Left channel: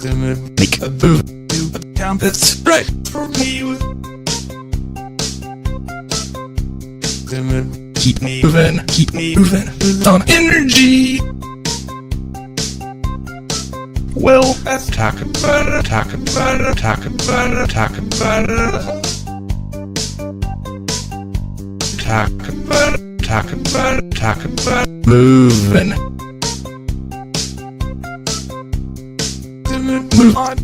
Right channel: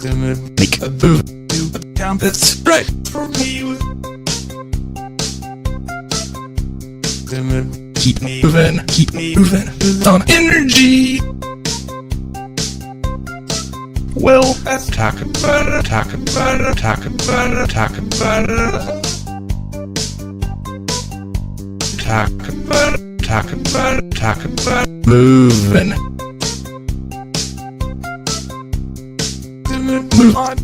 Make a move to a town that's right for me. Keep moving on energy. Well, let's talk about it. Moving. Move on.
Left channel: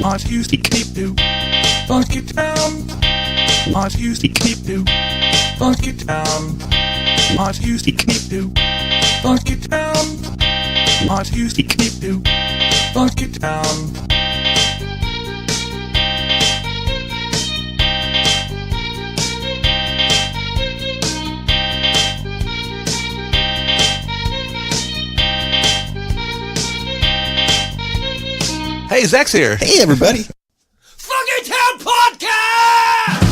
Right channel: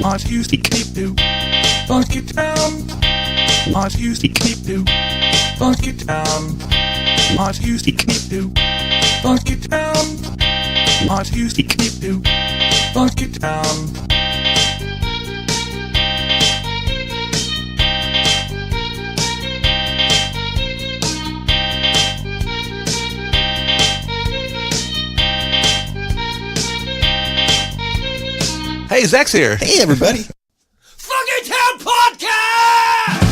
Mars used to keep to Funkytown. Mars used to keep to Funkytown. Mars used to keep to Funkytown. Mars used to keep to Funkytown. Hey, Zach's here. Hey, everybody. Funkytown Podcast!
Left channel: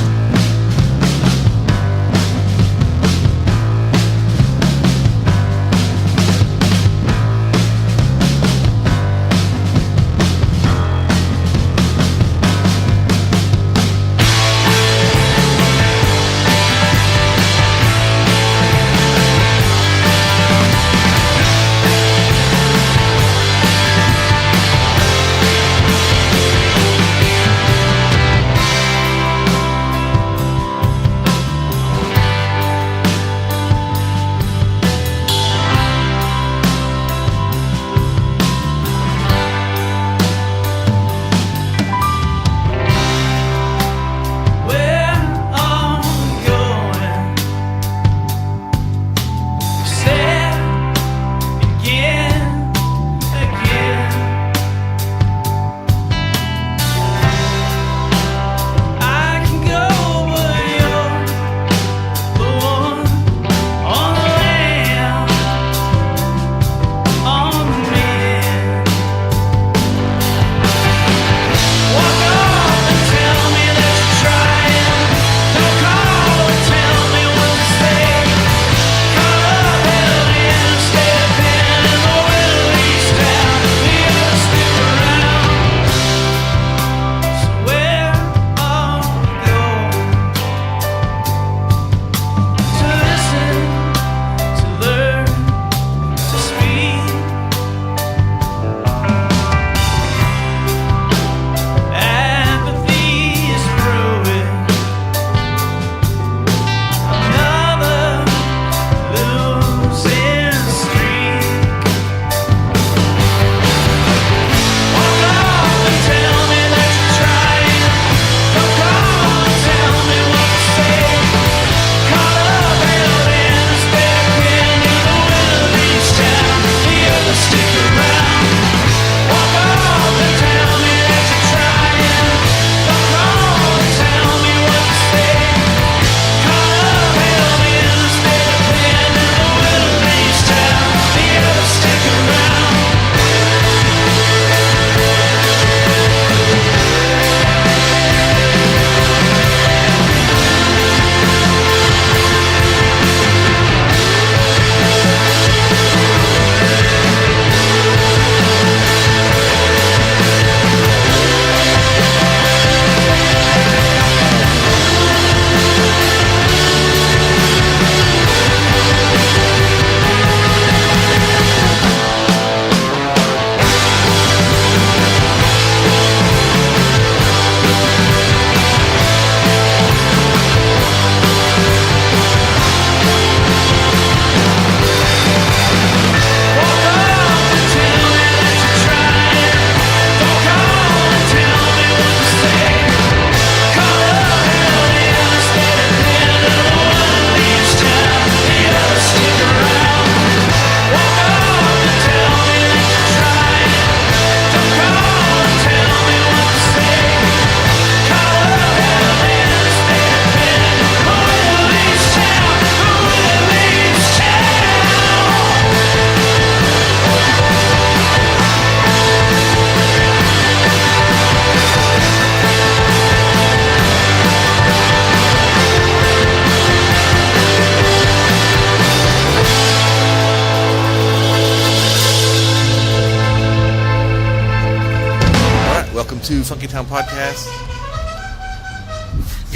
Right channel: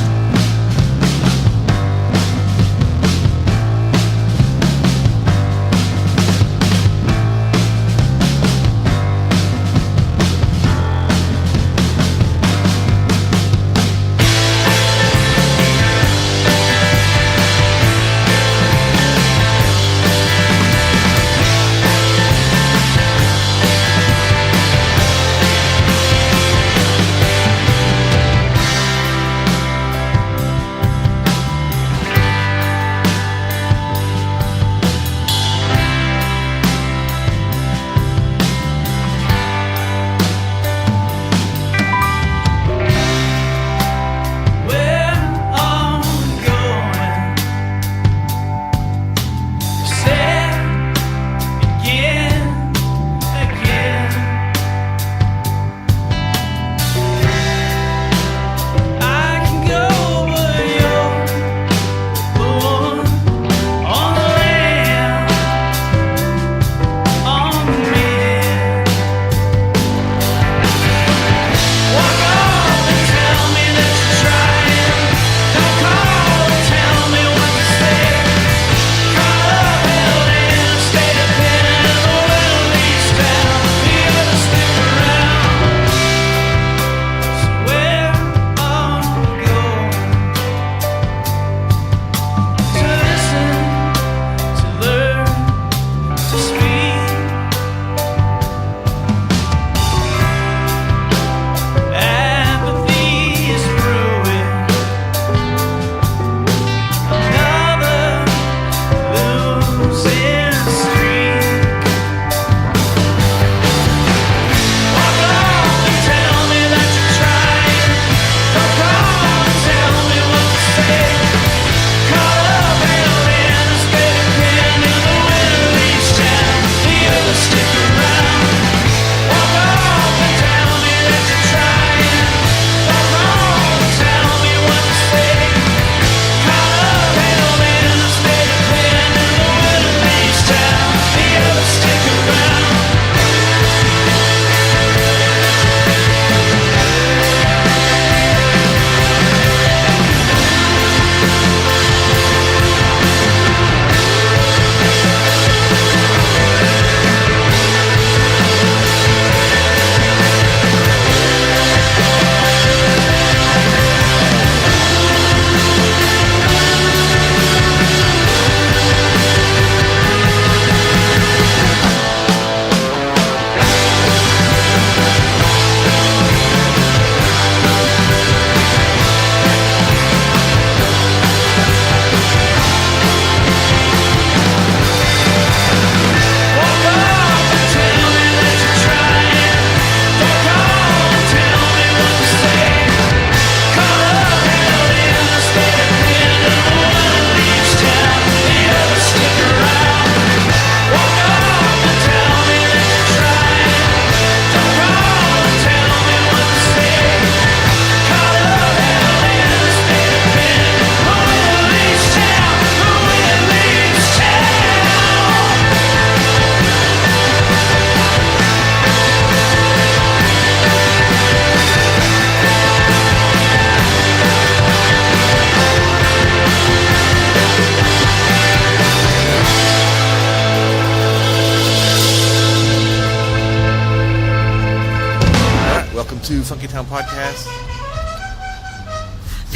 Funkytown podcast.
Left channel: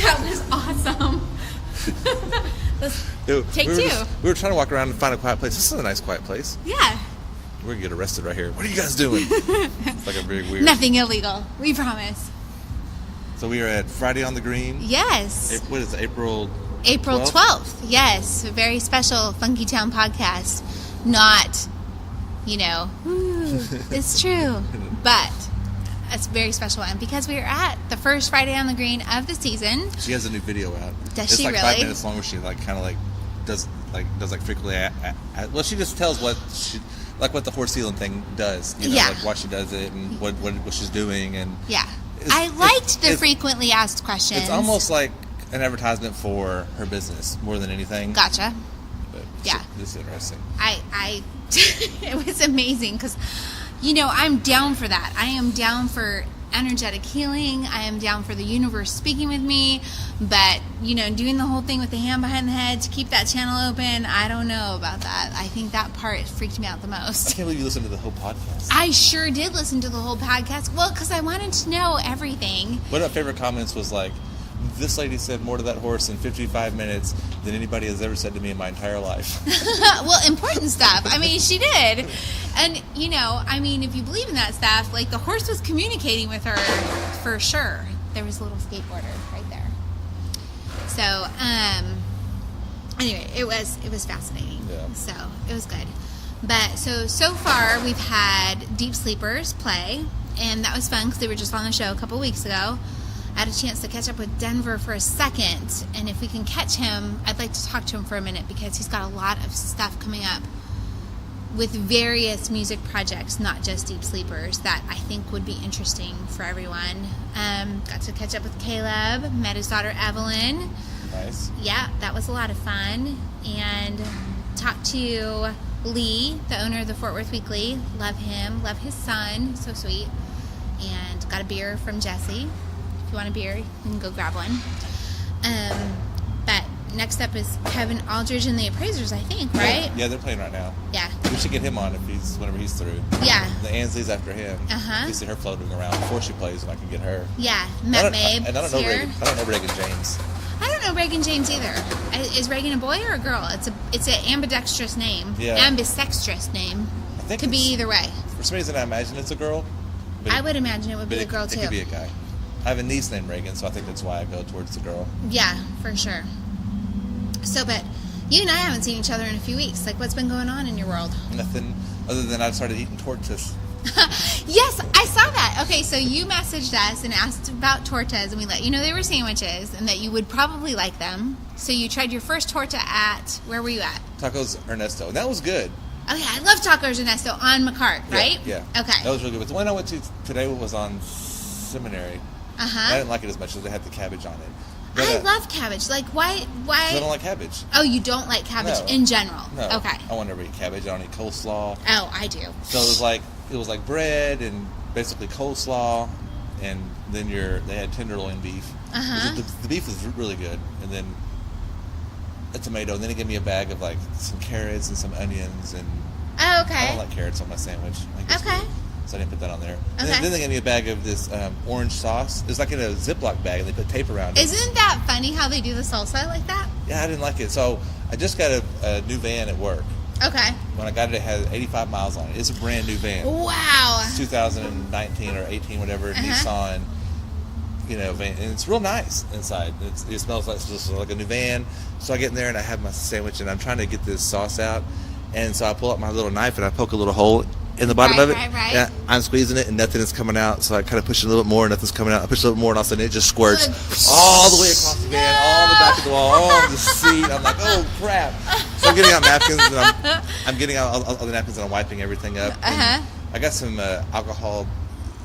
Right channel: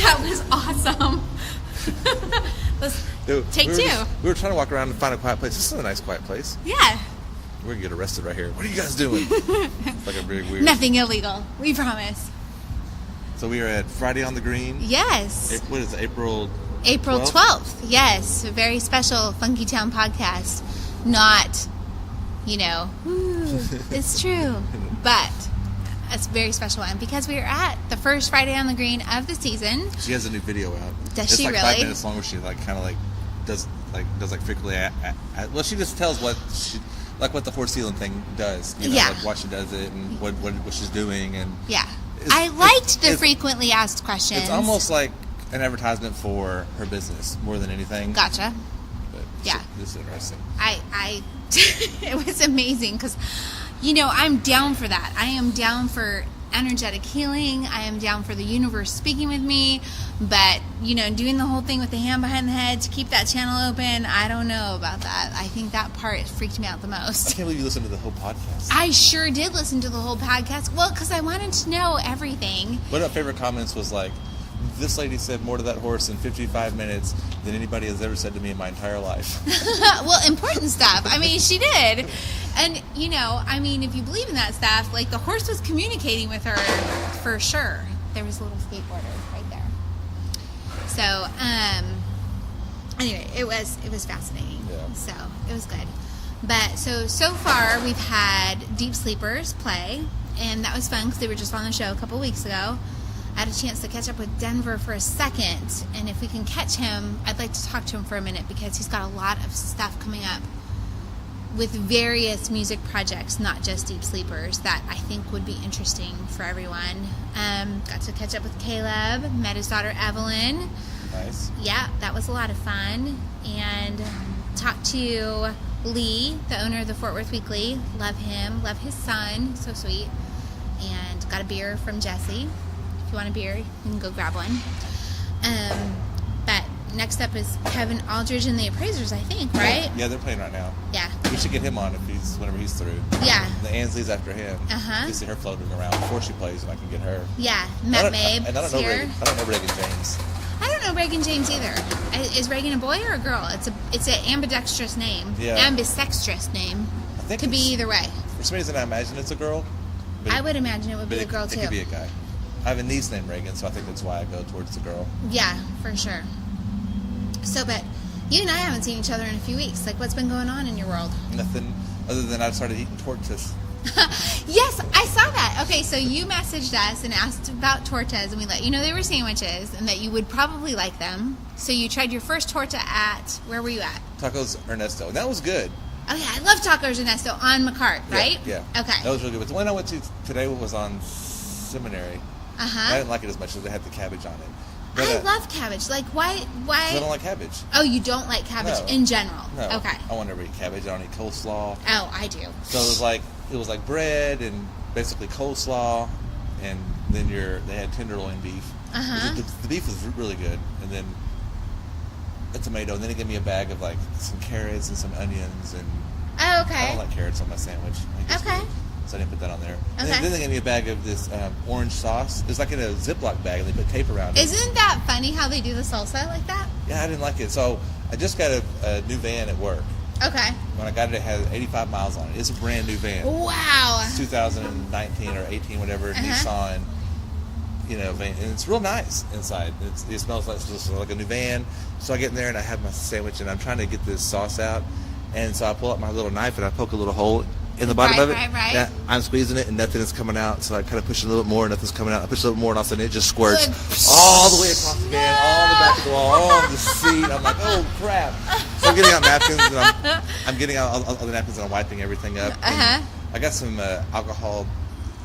That was awesome. Take two. We were trying to walk around and find a quiet place. This is a nice quiet place. Yeah. We're going to get arrested right here. What are you guys doing? It's like a very weird... Nothing illegal. We promise. So we are at Friday on the Green. Yes. What is it, April 12th. Yes. A very special Funkytown podcast. Not, it's true. But it's a very special one because we are at the first Friday on the Green of the season. She has a new video out. Does she really? really? It's 5 minutes long where she does frequently well, she just tells what the horse healing thing does. Yeah. Like why she does it and what she's doing and yeah. I liked the frequently asked questions. It's almost like an advertisement for her business more than anything. Gotcha. But yeah. It's interesting. It was amazing because, I'm down for that. I am down for energetic healing. I am down for the universe speaking with me. But, doing the whole thing with the hand behind the head to keep that channel open, I don't know about that. I think that part freaked me out the most. I can't believe you listened to the whole podcast. I sure did listen to the whole podcast. Well, because I wanted to know everything. One of my favorite comments was like, this lady said more to that horse in 55 minutes than anybody has ever said to me in my entire life. Well, important stuff. I mean, she did. And, if you believe in that stuff, like the horse was communicating with her for sure. There was a little skateboarder right there. So, anyway, it was fascinating. Yeah. So, it was good. But, so far, we've had Deep Sleepers play, and that was fun because they were just on the show a couple weeks ago. I had a chance to catch up with Denver for a second, and if we can catch him, I'd like to talk to him for a minute because he's got a lot of stuff coming up with various music projects, not just Deep Sleepers, that I think would be interesting for everyone. Got to catch up with Caleb, met his daughter Evelyn. Nice. Yeah, that was a lot of fun. And talked to Lee, the owner of the Fort Worth Weekly. Love him, love his son, so sweet. And got a beer from Jesse. If you want a beer, you can go grab one. But next up is Kevin Aldridge and the Appraisers, I think, right? Yeah, they're playing right now. Yeah. We should get him on whenever he's through. Yeah. The Ansley's after him. Uh-huh. You see her floating around before she plays, and I can get her. Yeah. Matt Mabe I don't know Reagan James. I don't know Reagan James either. Is Reagan a boy or a girl? It's an ambidextrous name. Yeah. Ambidextrous name. I think could be either way. For some reason, I imagine it's a girl. I would imagine it would be a girl, too. It could be a guy. I have a niece named Reagan, so I think that's why I go towards the girl. Yeah, for sure. So, but you and I haven't seen each other in a few weeks. Like, what's been going on in your world? Nothing other than I've started eating tortas. Yes, I saw that. Okay, so you messaged us and asked about tortas, and we let you know they were sandwiches and that you would probably like them. So you tried your first torta at, where were you at? Tacos Ernesto, and that was good. Oh, yeah, I love Tacos Ernesto on McCart, right? Yeah. Okay. That was really good. But the one I went to today was on Seminary. Uh-huh. I didn't like it as much as they had the cabbage on it. But, I love cabbage. Like, why? I don't like cabbage. Oh, you don't like cabbage in general? No. Okay. I want to eat cabbage. I don't eat coleslaw. Oh, I do. So it was like bread and basically coleslaw, and then they had tenderloin beef. Uh-huh. The beef was really good, and then a tomato, and then they gave me a bag of like some carrots and some onions, and oh, okay. I don't like carrots on my sandwich. Okay. So I didn't put that on there. Okay. And then they gave me a bag of this orange sauce. It's like in a Ziploc bag, and they put tape around it. Isn't that funny how they do the salsa like that? Yeah, I didn't like it. So I just got a new van at work. Okay. When I got it, it had 85 miles on it. It's a brand new van. Wow. 2019 or 18, whatever, Nissan, van. And it's real nice inside. It smells like a new van. So I get in there, and I have my sandwich, and I'm trying to get this sauce out. And so I pull up my little knife, and I poke a little hole in the bottom of it. Right. Yeah, I'm squeezing it, and nothing is coming out. So I kind of push it a little bit more, and nothing's coming out. I push a little more, and all of a sudden it just squirts all the way across the van, all the back of the wall, all the seat. I'm like, oh crap! So I'm getting out napkins, and I'm getting out all the napkins, and I'm wiping everything up. Uh-huh. I got some alcohol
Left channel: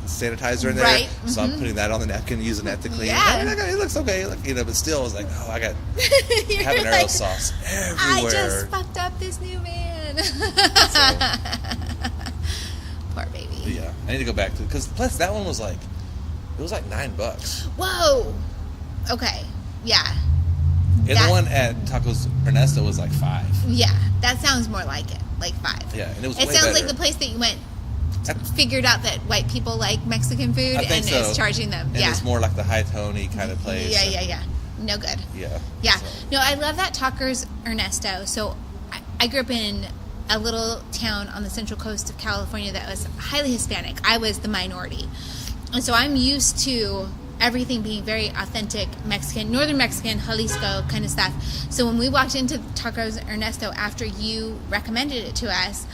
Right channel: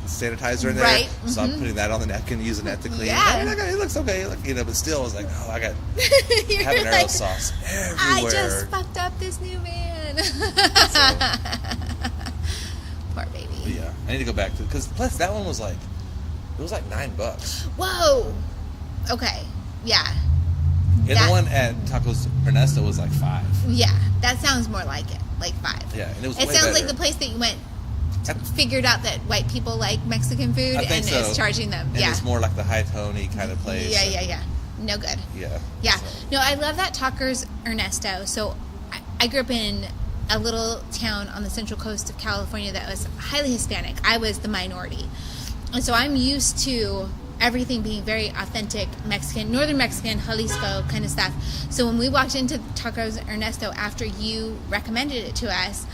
sanitizer in there, right. So I'm putting that on the napkin, using that to clean. Yeah. It looks okay, but still, I was like, oh, I got habanero sauce everywhere. I just fucked up this new van. Poor baby. Yeah, I need to go back to because plus that one was like $9. Whoa. Okay. Yeah. And the one at Tacos Ernesto was like $5. Yeah, that sounds more like it, like $5. Yeah, and it was. It way sounds better. like the place that you went figured out that white people like Mexican food I think and so. is charging them. And it's more like the high-tony kind of place. Yeah. No good. Yeah. So. No, I love that Tucker's Ernesto. So I grew up in a little town on the central coast of California that was highly Hispanic. I was the minority. And so I'm used to everything being very authentic Mexican, northern Mexican, Jalisco kind of stuff. So when we walked into Tacos Ernesto after you recommended it to us,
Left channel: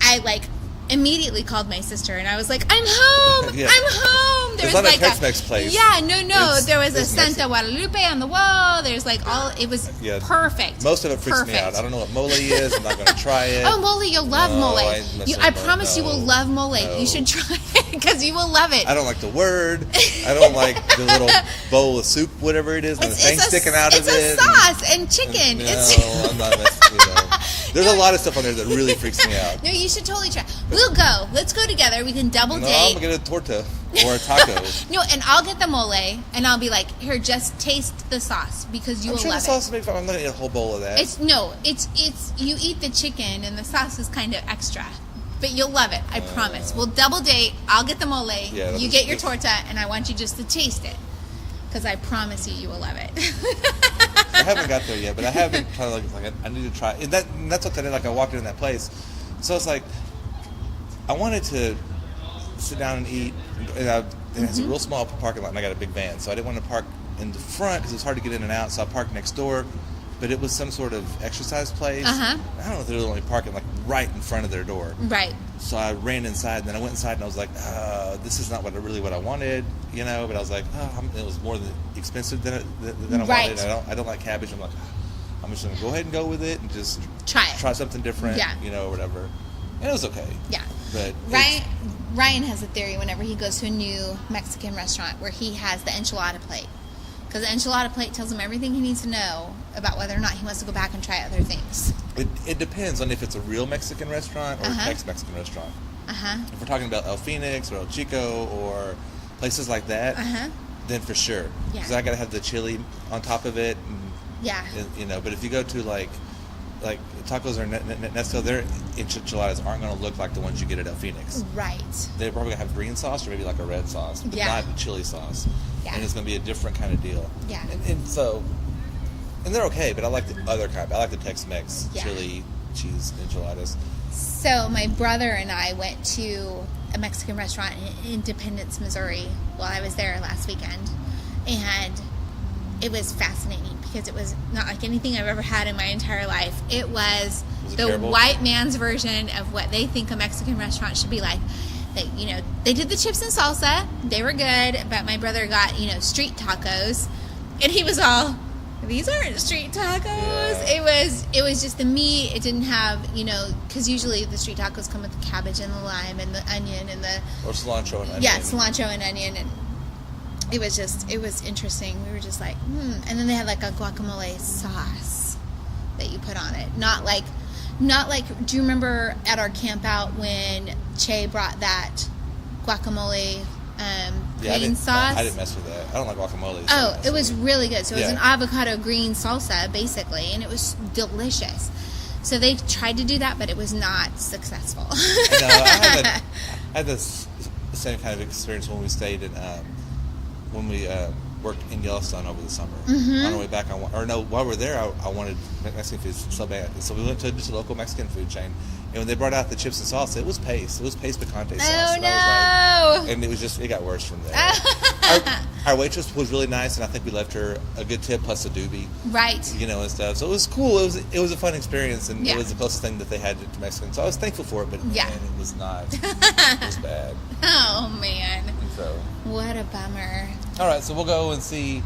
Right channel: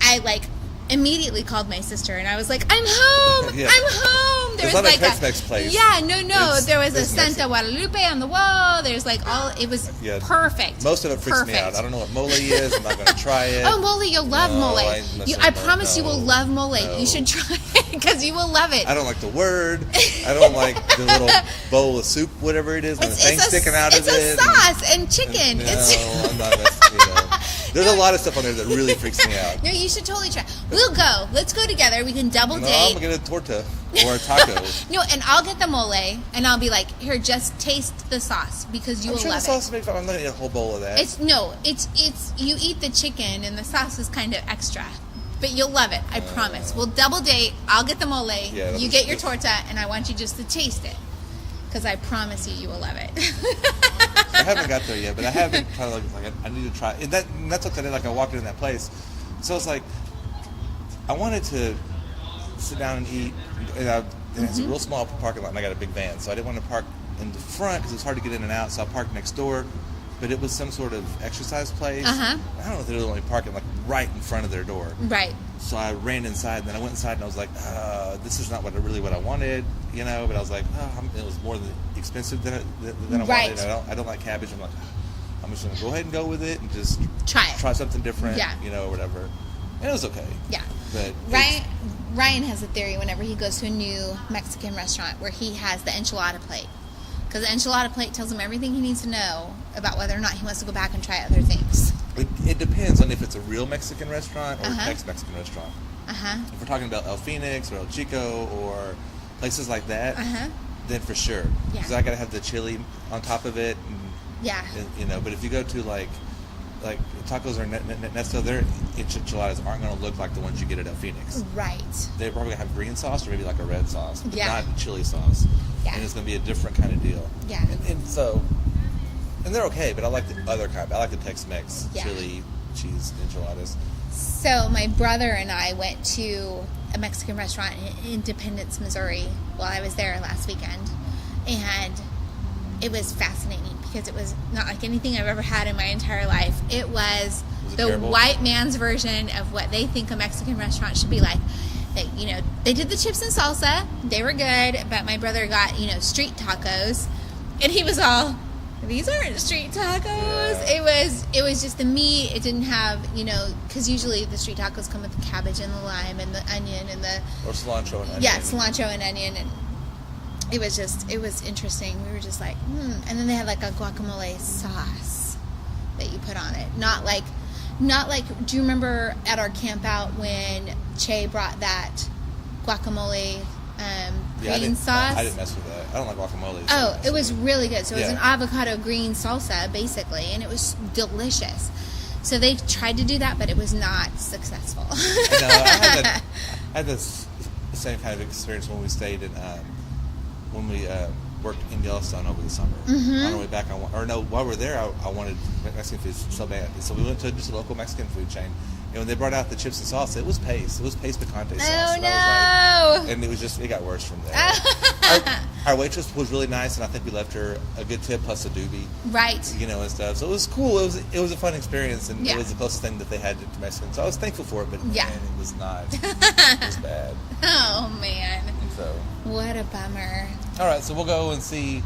I immediately called my sister and I was like, I'm home! Yeah. I'm home! There It's was not a Tex-Mex place. Yeah, no. It's There was a Mexican. Santa Guadalupe on the wall. There's it was perfect. Most of it freaks me out. I don't know what mole is. I'm not going to try it. Oh, mole, you'll love mole. I promise you will love mole. No. You should try it because you will love it. I don't like the word. I don't like the little bowl of soup, whatever it is, and the thing sticking out of it. It's a sauce and chicken. No, I'm not. There's a lot of stuff on there that really freaks me out. No, you should totally try. We'll go. Let's go together. We can double No, date. I'm going to get a torta or a taco. No, and I'll get the mole, and I'll be like, here, just taste the sauce because you will love the it. sauce makes I'm not going to eat a whole bowl of that. It's you eat the chicken and the sauce is kind of extra. But you'll love it, I promise. We'll double date. I'll get the mole. Yeah, you get your torta, and I want you just to taste it. Because I promise you will love it. I haven't got there yet, but I have been kind of like I need to try. And that's what I did. Like I walked in that place, so it's like I wanted to sit down and eat. And it's a real small parking lot, and I got a big van, so I didn't want to park in the front because it was hard to get in and out. So I parked next door, but it was some sort of exercise place. I don't know if they were only parking right in front of their door. Right. So I ran inside, and then I went inside, and I was like, this is not what I wanted, But I was like, it was more than expensive than I wanted. I don't like cabbage. I'm like, I'm just going to go ahead and go with it and just try something different, or whatever. And it was okay. Yeah. But Ryan has a theory whenever he goes to a new Mexican restaurant where he has the enchilada plate. Because the enchilada plate tells him everything he needs to know about whether or not he wants to go back and try other things. It depends on if it's a real Mexican restaurant or a Tex-Mexican restaurant. If we're talking about El Phoenix or El Chico or places like that, then for sure. Yeah. Because I got to have the chili on top of it. And, but if you go to like tacos or Nesto, their enchiladas aren't going to look like the ones you get at El Phoenix. Right. They're probably going to have green sauce or maybe like a red sauce, but not chili sauce. Yeah. And it's going to be a different kind of deal. Yeah. And they're okay, but I like the other kind. I like the Tex-Mex chili cheese enchiladas. So my brother and I went to a Mexican restaurant in Independence, Missouri while I was there last weekend. And it was fascinating because it was not like anything I've ever had in my entire life. It was the terrible? white man's version of what they think a Mexican restaurant should be like. They did the chips and salsa. They were good, but my brother got, street tacos. And he was all, these aren't street tacos. Yeah. It was just the meat. It didn't have, because usually the street tacos come with the cabbage and the lime and the onion and the... Or cilantro and onion. Yeah, cilantro and onion. And it was interesting. We were just like, And then they had like a guacamole sauce that you put on it. Not like, do you remember at our camp out when Che brought that guacamole green sauce? I didn't mess with that. I don't like guacamole. Oh, it was really good. So it was Yeah. an avocado green salsa, basically, and it was delicious. So they tried to do that, but it was not successful. No, I had the same kind of experience when we stayed in, when we worked in Yellowstone over the summer. On our way back, while we were there, I wanted Mexican food so bad. So we went to just a local Mexican food chain. And when they brought out the chips and salsa, it was paste. It was paste picante sauce. Oh, and no. I was like, and it got worse from there. Our waitress was really nice, and I think we left her a good tip plus a doobie. Right. And stuff. So it was cool. It was a fun experience, and Yeah. it was the closest thing that they had to Mexican. So I was thankful for it, but Yeah. man, it was not. It was bad. Oh, man. So, What a bummer. all right, so we'll go and see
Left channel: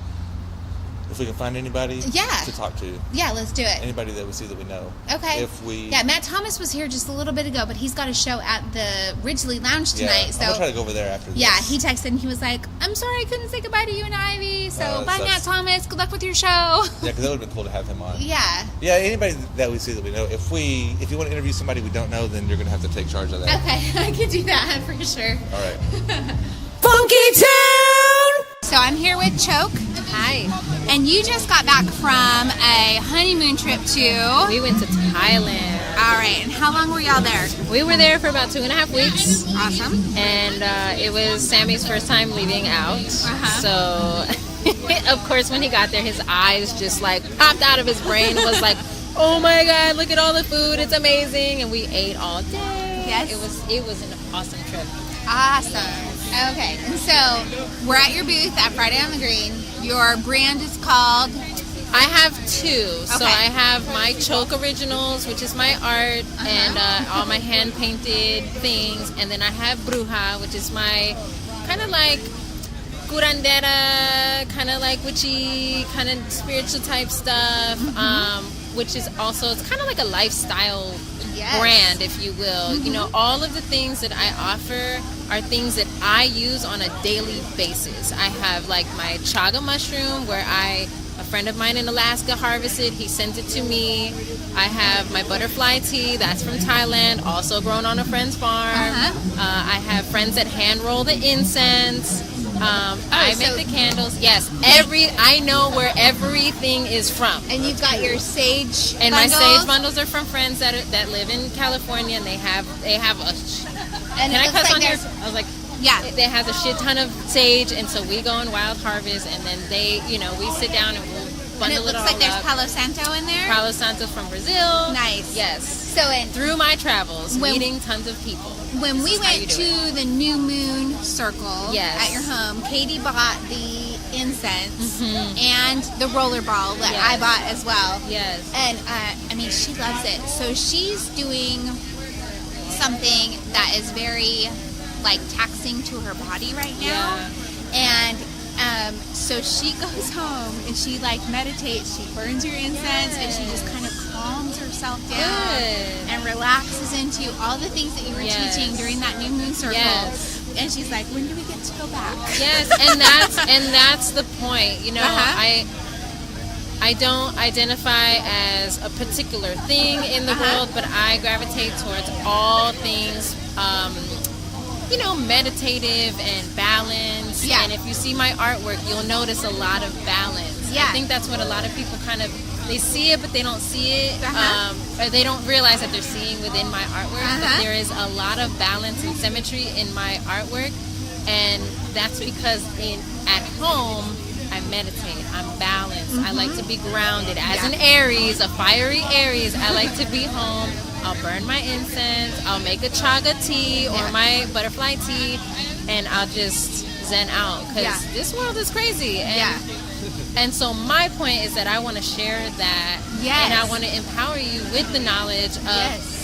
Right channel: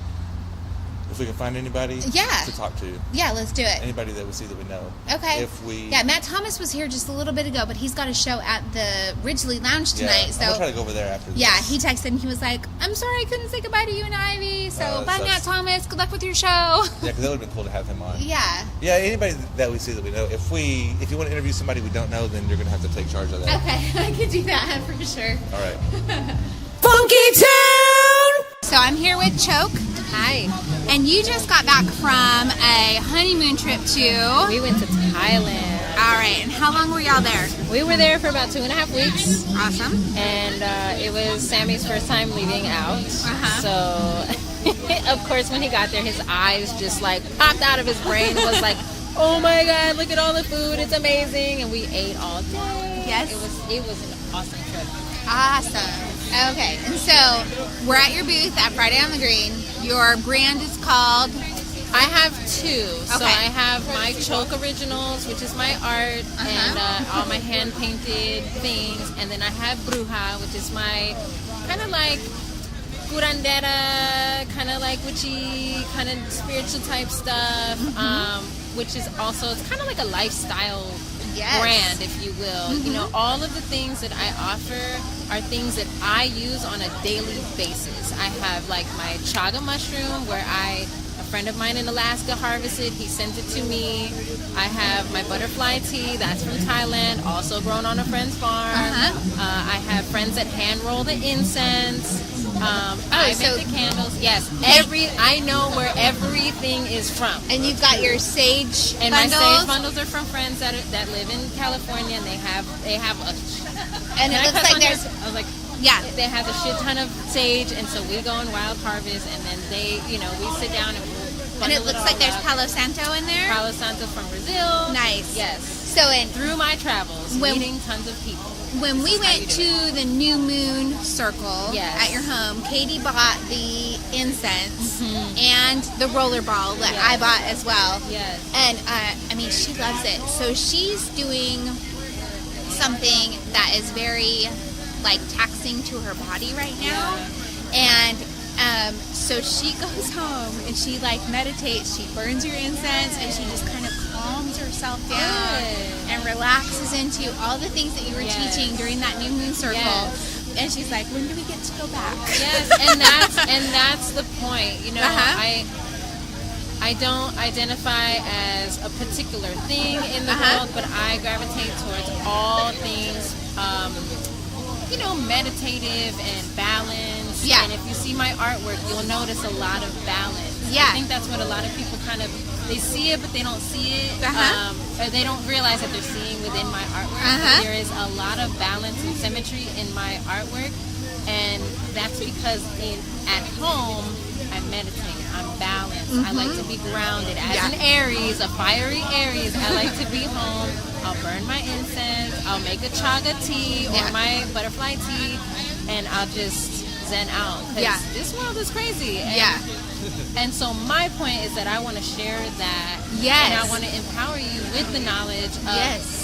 if we can find anybody Yeah. to talk to. Yeah, let's do it. Anybody that we see that we know. Okay. Yeah, Matt Thomas was here just a little bit ago, but he's got a show at the Ridgely Lounge tonight. I'm So going to try to go over there after this. yeah, he texted and he was like, I'm sorry I couldn't say goodbye to you and Ivy. So bye, sucks. Matt Thomas. Good luck with your show. Yeah, because that would have been cool to have him on. Yeah. Yeah, anybody that we see that we know. If you want to interview somebody we don't know, then you're going to have to take charge of that. Okay, I could do that for sure. All right. Funkytown! So I'm here with Cho Ke. Hi. And you just got back from a honeymoon trip to... We went to Thailand. All right. And how long were y'all there? We were there for about 2.5 weeks. Awesome. And it was Sammy's first time leaving out. So, of course, when he got there, his eyes just like popped out of his brain. Was like, oh my God, look at all the food. It's amazing. And we ate all day. Yes. It was an awesome trip. Awesome. Okay. And so we're at your booth at Friday on the Green. Your brand is called... I have two. So Okay. I have my Cho Ke originals, which is my art, and all my hand-painted things. And then I have Bruja, which is my kind of like curandera, kind of like witchy, kind of spiritual type stuff, which is also, it's kind of like a lifestyle brand, if you will. You know, all of the things that I offer are things that I use on a daily basis. I have like my chaga mushroom, where a friend of mine in Alaska harvested. He sent it to me. I have my butterfly tea. That's from Thailand, also grown on a friend's farm. I have friends that hand roll the incense. I make the candles. Yes, I know where everything is from. And you've got your sage And bundles. my sage bundles are from friends that live in California, and they have a. And Can it I looks cuss like on there's... this? I was like, Yeah. They have a shit ton of sage, and so we go and wild harvest, and then they, we sit down and we'll And bundle it looks all like there's up. Palo Santo in there. Palo Santo from Brazil. Nice. Yes. So Through my travels, meeting tons of people. when we This is how went you do to the New Moon Circle Yes. at your home, Katie bought the incense and the roller ball that I bought as well. Yes. And I mean, she loves it. So she's doing something that is very like taxing to her body right now. And so she goes home and she like meditates. She burns your incense and she just kind of calms herself down and relaxes into all the things that you were teaching during that New Moon Circle. And she's like, when do we get to go back? Yes, and that's the point. I don't identify as a particular thing in the world, but I gravitate towards all things, meditative and balance. Yeah. And if you see my artwork, you'll notice a lot of balance. Yeah. I think that's what a lot of people they see it, but they don't see it. Or they don't realize that they're seeing within my artwork. But there is a lot of balance and symmetry in my artwork. And that's because at home, I meditate. I'm balanced. I like to be grounded. As an Aries, a fiery Aries, I like to be home. I'll burn my incense. I'll make a chaga tea or my butterfly tea, and I'll just zen out because this world is crazy. And so my point is that I want to share that, and I want to empower you with the knowledge of.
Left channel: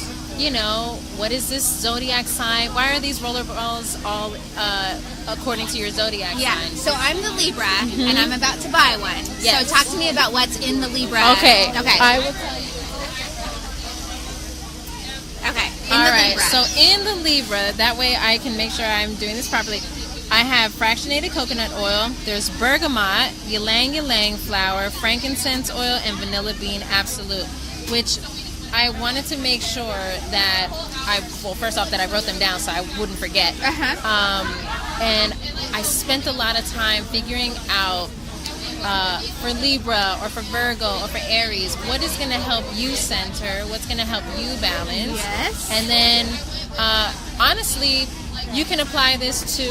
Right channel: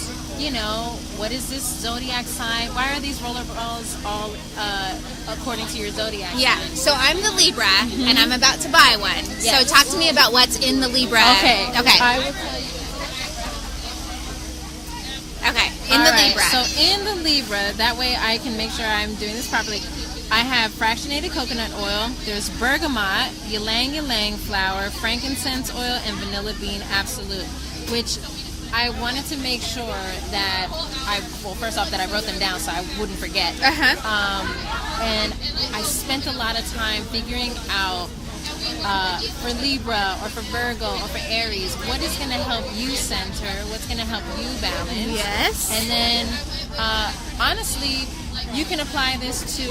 What is this zodiac sign? Why are these roller balls all according to your zodiac sign? So I'm the Libra, and I'm about to buy one. Yes. So talk to me about what's in the Libra. Okay. I will tell you. Okay. In the Libra. So in the Libra, that way I can make sure I'm doing this properly. I have fractionated coconut oil. There's bergamot, ylang ylang flower, frankincense oil, and vanilla bean absolute, which I wanted to make sure that first off, that I wrote them down so I wouldn't forget. And I spent a lot of time figuring out for Libra or for Virgo or for Aries, what is going to help you center, what's going to help you balance. Yes. And then, honestly, you can apply this to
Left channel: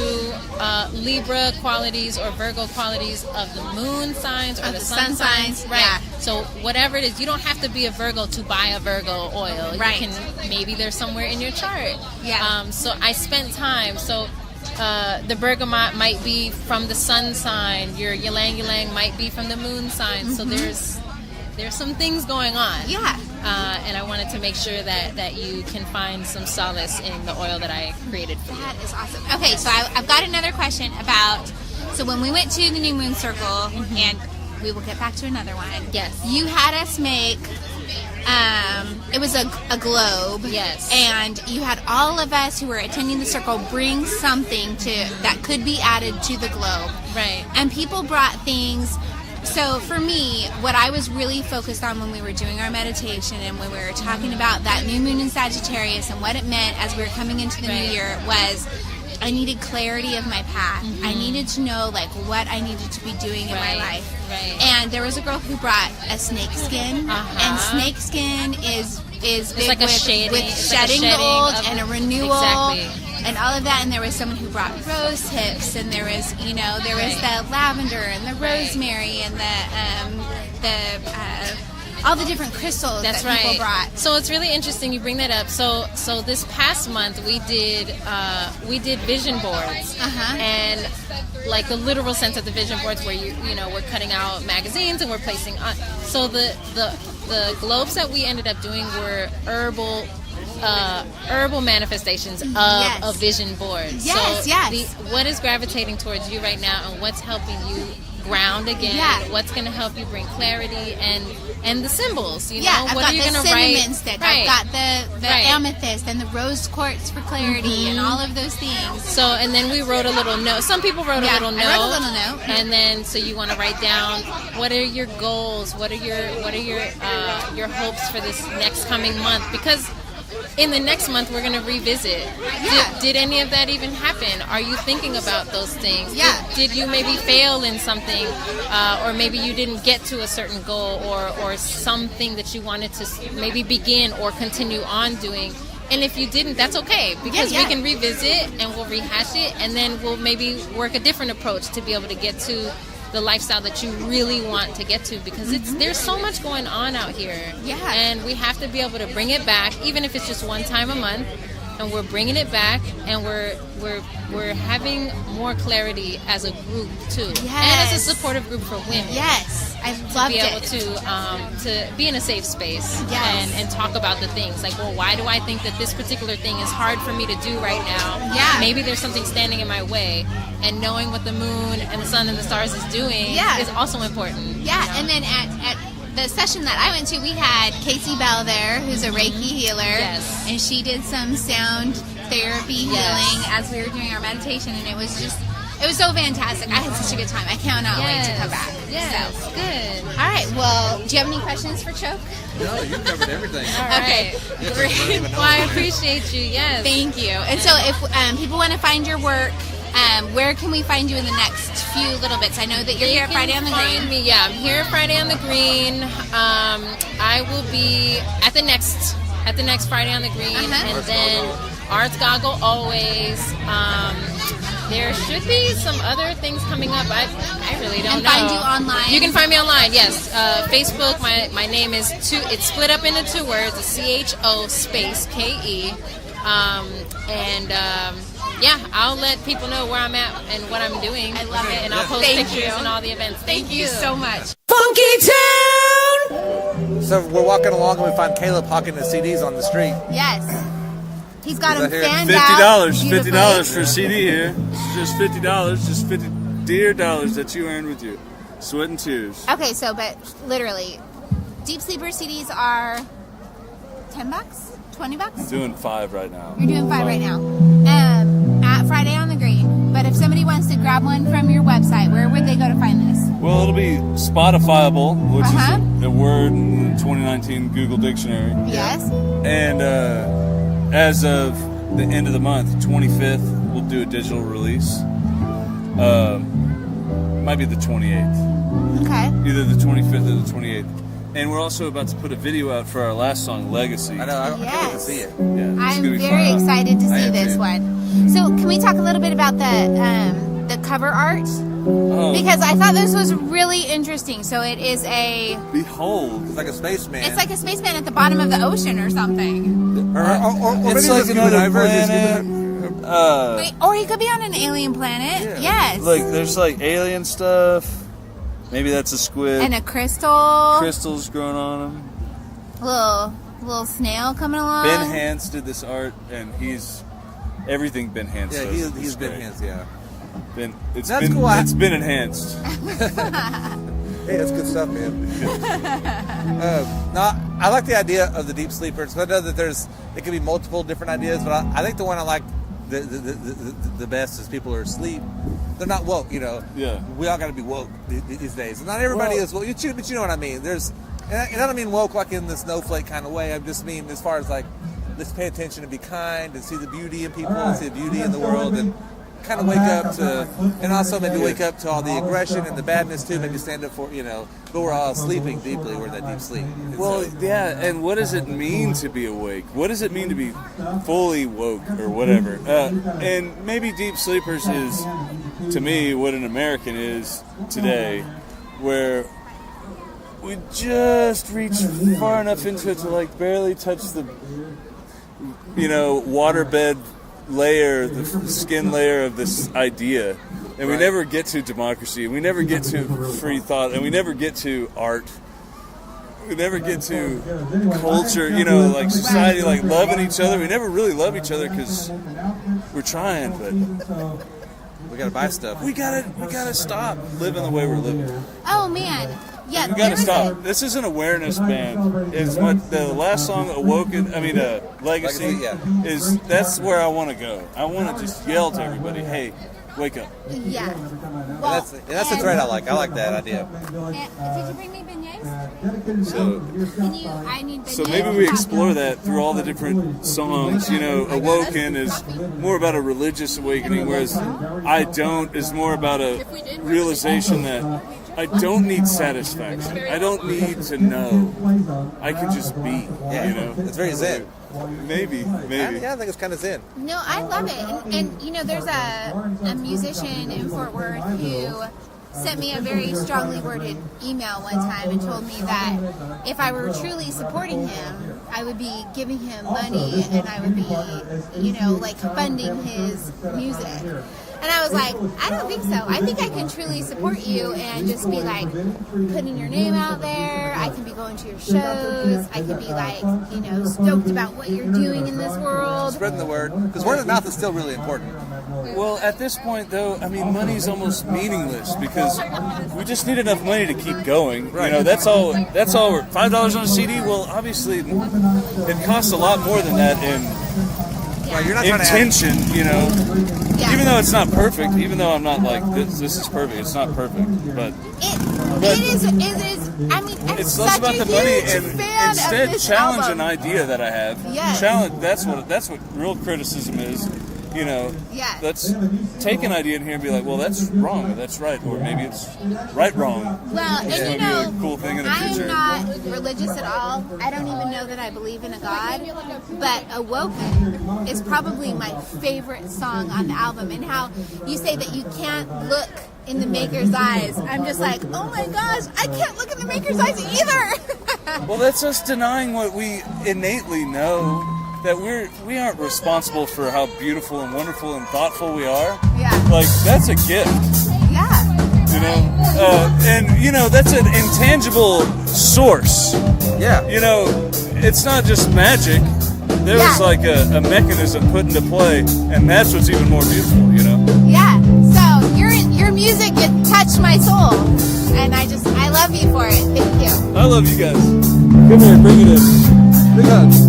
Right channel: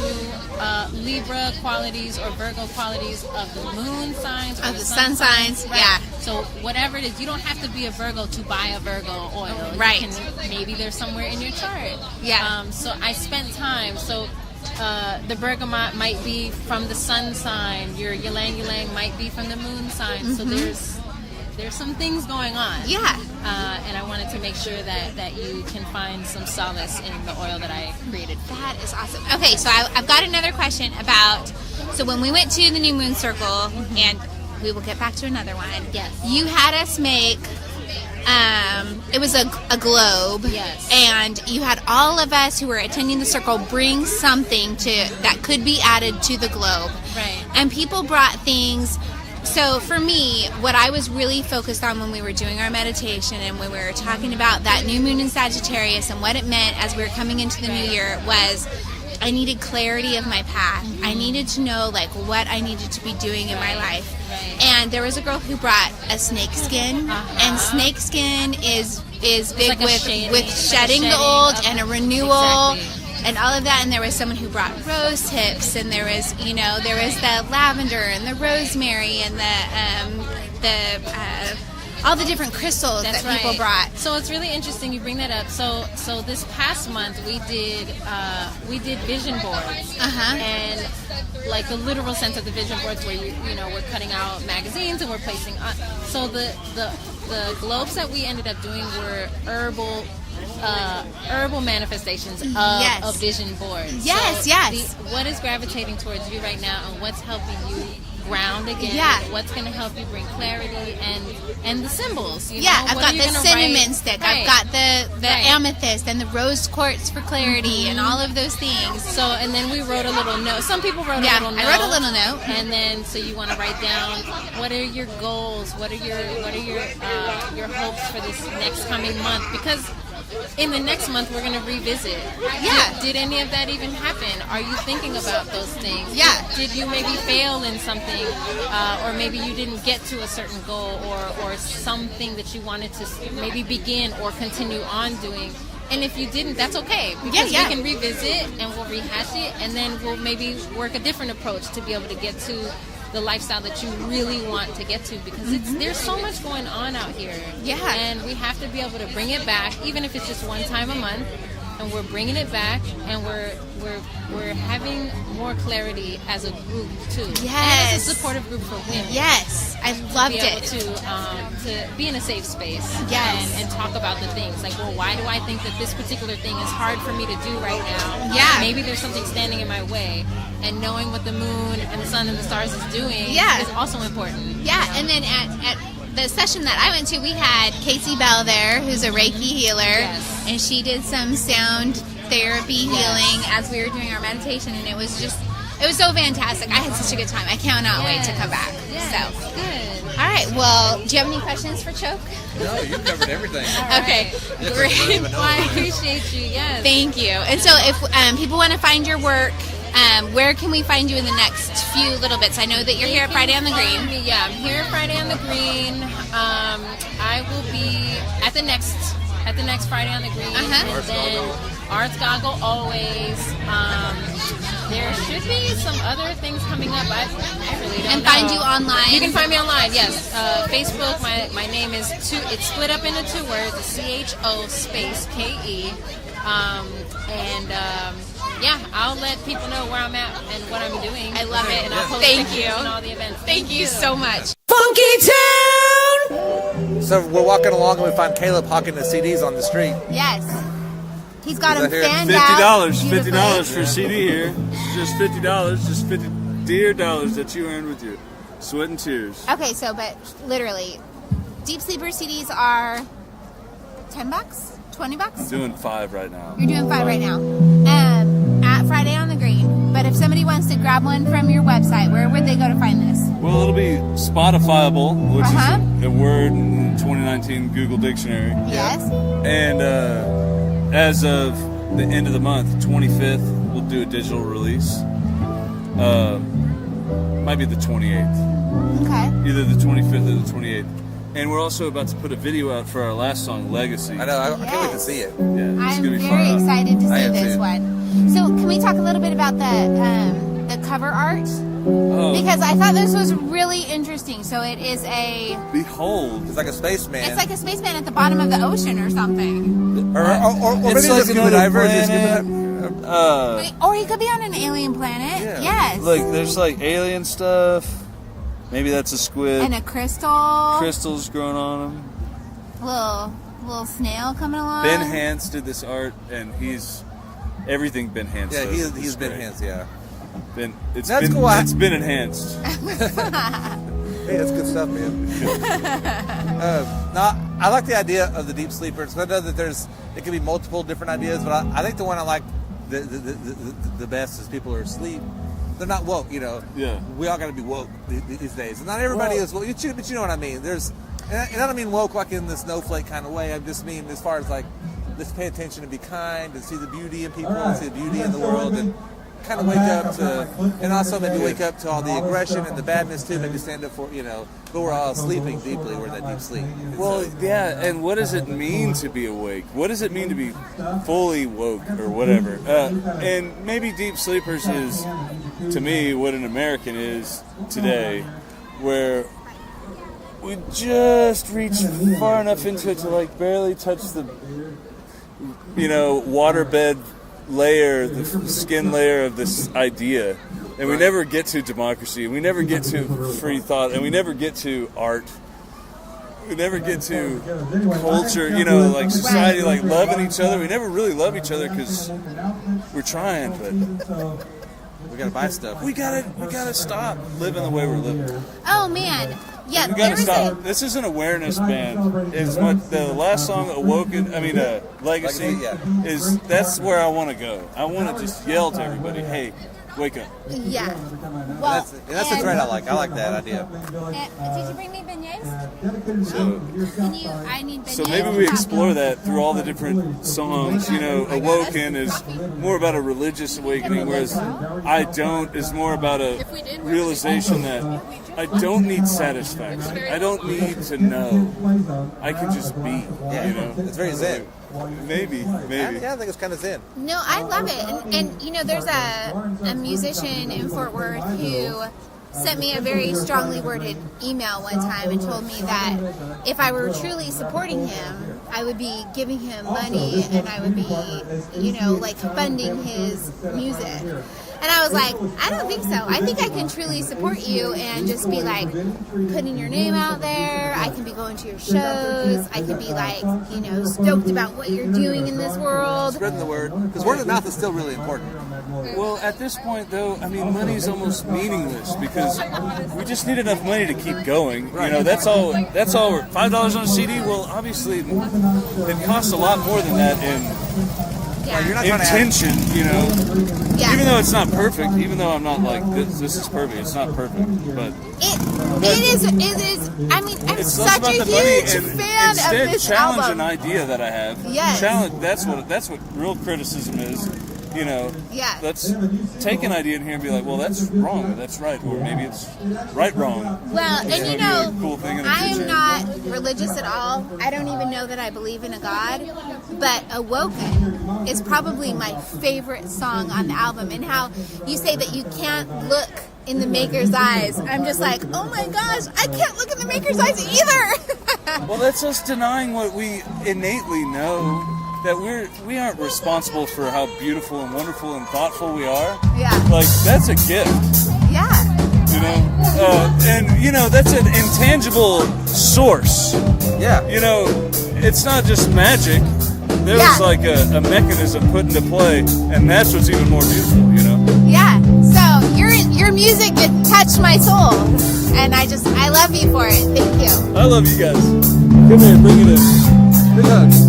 Libra qualities or Virgo qualities of the moon signs or the sun signs. Right. Yeah. So whatever it is, you don't have to be a Virgo to buy a Virgo oil. Right. Maybe there's somewhere in your chart. Yeah. So I spent time. So the bergamot might be from the sun sign. Your ylang ylang might be from the moon sign. So there's some things going on. Yeah. And I wanted to make sure that you can find some solace in the oil that I created for you. That is awesome. Okay, so I've got another question about, so when we went to the New Moon Circle, and we will get back to another one. Yes. You had us make, it was a globe. Yes. And you had all of us who were attending the circle bring something that could be added to the globe. Right. And people brought things. So for me, what I was really focused on when we were doing our meditation and when we were talking about that new moon in Sagittarius and what it meant as we were coming into the new year was I needed clarity of my path. I needed to know like what I needed to be doing in my life. And there was a girl who brought a snake skin, and snake skin is big like with shedding the old and a renewal. And all of that, and there was someone who brought rose hips, and there was the lavender and the rosemary and all the different crystals that people brought. So it's really interesting you bring that up. So this past month we did vision boards, and like the literal sense of the vision boards, where we're cutting out magazines and we're placing on. So the globes that we ended up doing were herbal manifestations of vision boards. What is gravitating towards you right now, and what's helping you ground again? What's going to help you bring clarity and the symbols? I've got the cinnamon stick. I've got the amethyst and the rose quartz for clarity and all of those things. So, and then we wrote a little note. Some people wrote a little note. I wrote a little note. And then, so you want to write down what are your goals, what are your hopes for this next coming month, because in the next month we're going to revisit. Did any of that even happen? Are you thinking about those things? Did you maybe fail in something, or maybe you didn't get to a certain goal, or something that you wanted to maybe begin or continue on doing? And if you didn't, that's okay, because we can revisit and we'll rehash it, and then we'll maybe work a different approach to be able to get to the lifestyle that you really want to get to, because there's so much going on out here. And we have to be able to bring it back, even if it's just one time a month, and we're bringing it back, and we're having more clarity as a group too, and as a supportive group for women. I loved it. To be in a safe space, and talk about the things like, well, why do I think that this particular thing is hard for me to do right now? Maybe there's something standing in my way, and knowing what the moon and the sun and the stars is doing is also important. And then at the session that I went to, we had Casey Bell there, who's a Reiki healer, and she did some sound therapy healing as we were doing our meditation, and it was so fantastic. I had such a good time. I cannot wait to come back. So good. All right. Well, do you have any questions for Cho? No, you covered everything. Okay. Well, I appreciate you. Yes. Thank you. And so, if people want to find your work, where can we find you in the next few little bits? I know that you're here at Friday on the Green. I'm here Friday on the Green. I will be at the next Friday on the Green, and then Arts Goggle always. There should be some other things coming up. I really don't know. And find you online. You can find me online. Yes, Facebook. My name is it's split up into 2 words. It's CHO space KE. I'll let people know where I'm at and what I'm doing. I love it. And I'll post pictures and all the events. Thank you so much. Funkytown! So we're walking along and we find Caleb hawking the CDs on the street. Yes. He's got them fanned $50, out. $50 for a CD here. Just $50, just $50 dear dollars that you earned with your sweat and tears. Okay, so but literally, Deep Sleeper CDs are $10, $20. Doing 5 right now. You're doing 5 right now. At Friday on the Green. But if somebody wants to grab one from your website, where would they go to find this? Well, it'll be Spotifyable, which is a word in the 2019 Google Dictionary. Yes. And as of the end of the month, 25th, we'll do a digital release. Might be the 28th. Okay. Either the 25th or the 28th. And we're also about to put a video out for our last song, Legacy. I know. I can't wait to see it. Yeah, it's I'm gonna be very fun. excited to I see am this too. one. So, can we talk a little bit about the cover art? Oh, Because I thought this was really interesting. So it is behold. It's like a spaceman. it's like a spaceman at the bottom of the ocean or something. Or It's maybe like just another diverse, planet. Wait, or he could be on an alien planet. Yeah. Yes. Like there's like alien stuff. Maybe that's a squid. And a crystal. Crystals growing on him. Little snail coming along. Ben Hans did this art, and everything Ben Hans Yeah, does. he's been great. hands, yeah. It's That's been cool. it's been enhanced. Hey, that's good stuff, man. No, I like the idea of the deep sleepers. I know that it could be multiple different ideas, but I think the one I like the best is people are asleep. They're not woke, Yeah. We all got to be woke these days. Not everybody is woke, but you know what I mean. And I don't mean woke like in the snowflake kind of way. I just mean as far as like, let's pay attention and be kind and see the beauty in people and see the beauty in the world. And kind of wake up to, and also maybe wake up to all the aggression and the badness too. Maybe stand up for, but we're all sleeping deeply. We're in that deep sleep. Well, yeah, and what does it mean to be awake? What does it mean to be fully woke or whatever? And maybe deep sleepers is, to me, what an American is today, where we just reach far enough into it to like barely touch the, waterbed layer, the skin layer of this idea. And we never get to democracy, we never get to free thought, and we never get to art. We never get to culture, like society, like loving each other. We never really love each other because we're trying, but we gotta buy stuff. We gotta stop living the way we're living. Oh man, yeah. We gotta stop. This is an awareness band. It's what the last song, Legacy, is. That's where I want to go. I want to just yell to everybody, "Hey, wake up!" Yeah. Well, that's a thread I like. I like that idea. Did you bring me beignets? So maybe we explore that through all the different songs. Awoken is more about a religious awakening, whereas I Don't is more about a realization that I don't need satisfaction. I don't need to know. I can just be, It's very zen. Maybe. Yeah, I think it's kind of zen. No, I love it. And there's a musician in Fort Worth who sent me a very strongly worded email one time and told me that if I were truly supporting him, I would be giving him money and I would be, funding his music. And I was like, I don't think so. I think I can truly support you and just be like putting your name out there. I can be going to your shows. I can be like, stoked about what you're doing in this world. Spreading the word. Because word of mouth is still really important. Well, at this point, though, money's almost meaningless because we just need enough money to keep going. Right. That's all. $5 on a CD. Well, obviously, it costs a lot more than that in Right, you're not intention. Yeah. Even though it's not perfect. Even though I'm not like this is perfect. It's not perfect, but it is. I'm it's such less about a the money huge and fan instead of this challenge album. an idea that I have. Yes. Challenge. That's what real criticism is. Yes. Let's take an idea in here and be like, well, that's wrong, or that's right, or maybe it's wrong. Well, It's and gonna be a cool thing in the I am future. not religious at all. I don't even know that I believe in a God. But Awoken is probably my favorite song on the album. And how you say that you can't look in the maker's eyes. I'm just like, oh my gosh, I can't look in the maker's eyes either. Well, that's us denying what we innately know. That we aren't responsible for how beautiful and wonderful and thoughtful we are. Yeah. Like, that's a gift. Yeah. And that's an intangible source. Yeah. It's not just magic. There was like a mechanism put into play, and that's what's even more beautiful, Yeah. So your music could touch my soul, and I love you for it. Thank you. I love you guys. Come here, bring it in. Big hugs.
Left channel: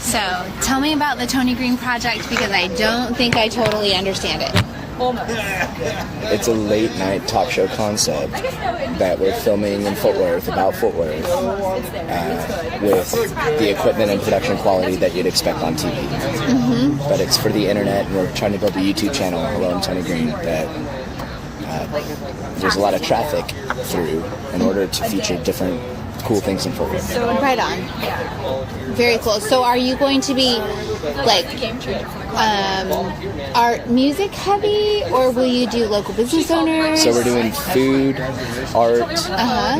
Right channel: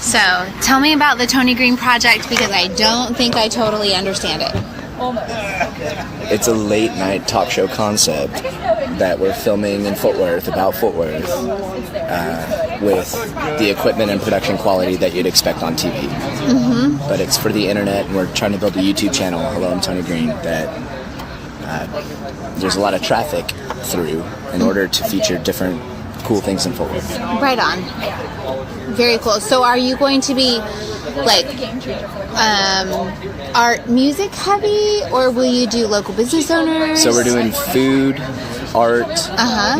So, tell me about the Tony Green project because I don't think I totally understand it. It's a late night talk show concept that we're filming in Fort Worth, about Fort Worth, with the equipment and production quality that you'd expect on TV. Mm-hmm. But it's for the internet, and we're trying to build a YouTube channel, Hello, I'm Tony Green, that there's a lot of traffic through in order to feature different cool things in Fort Worth. Right on. Very cool. So are you going to be like art music heavy, or will you do local business owners? So we're doing food, art,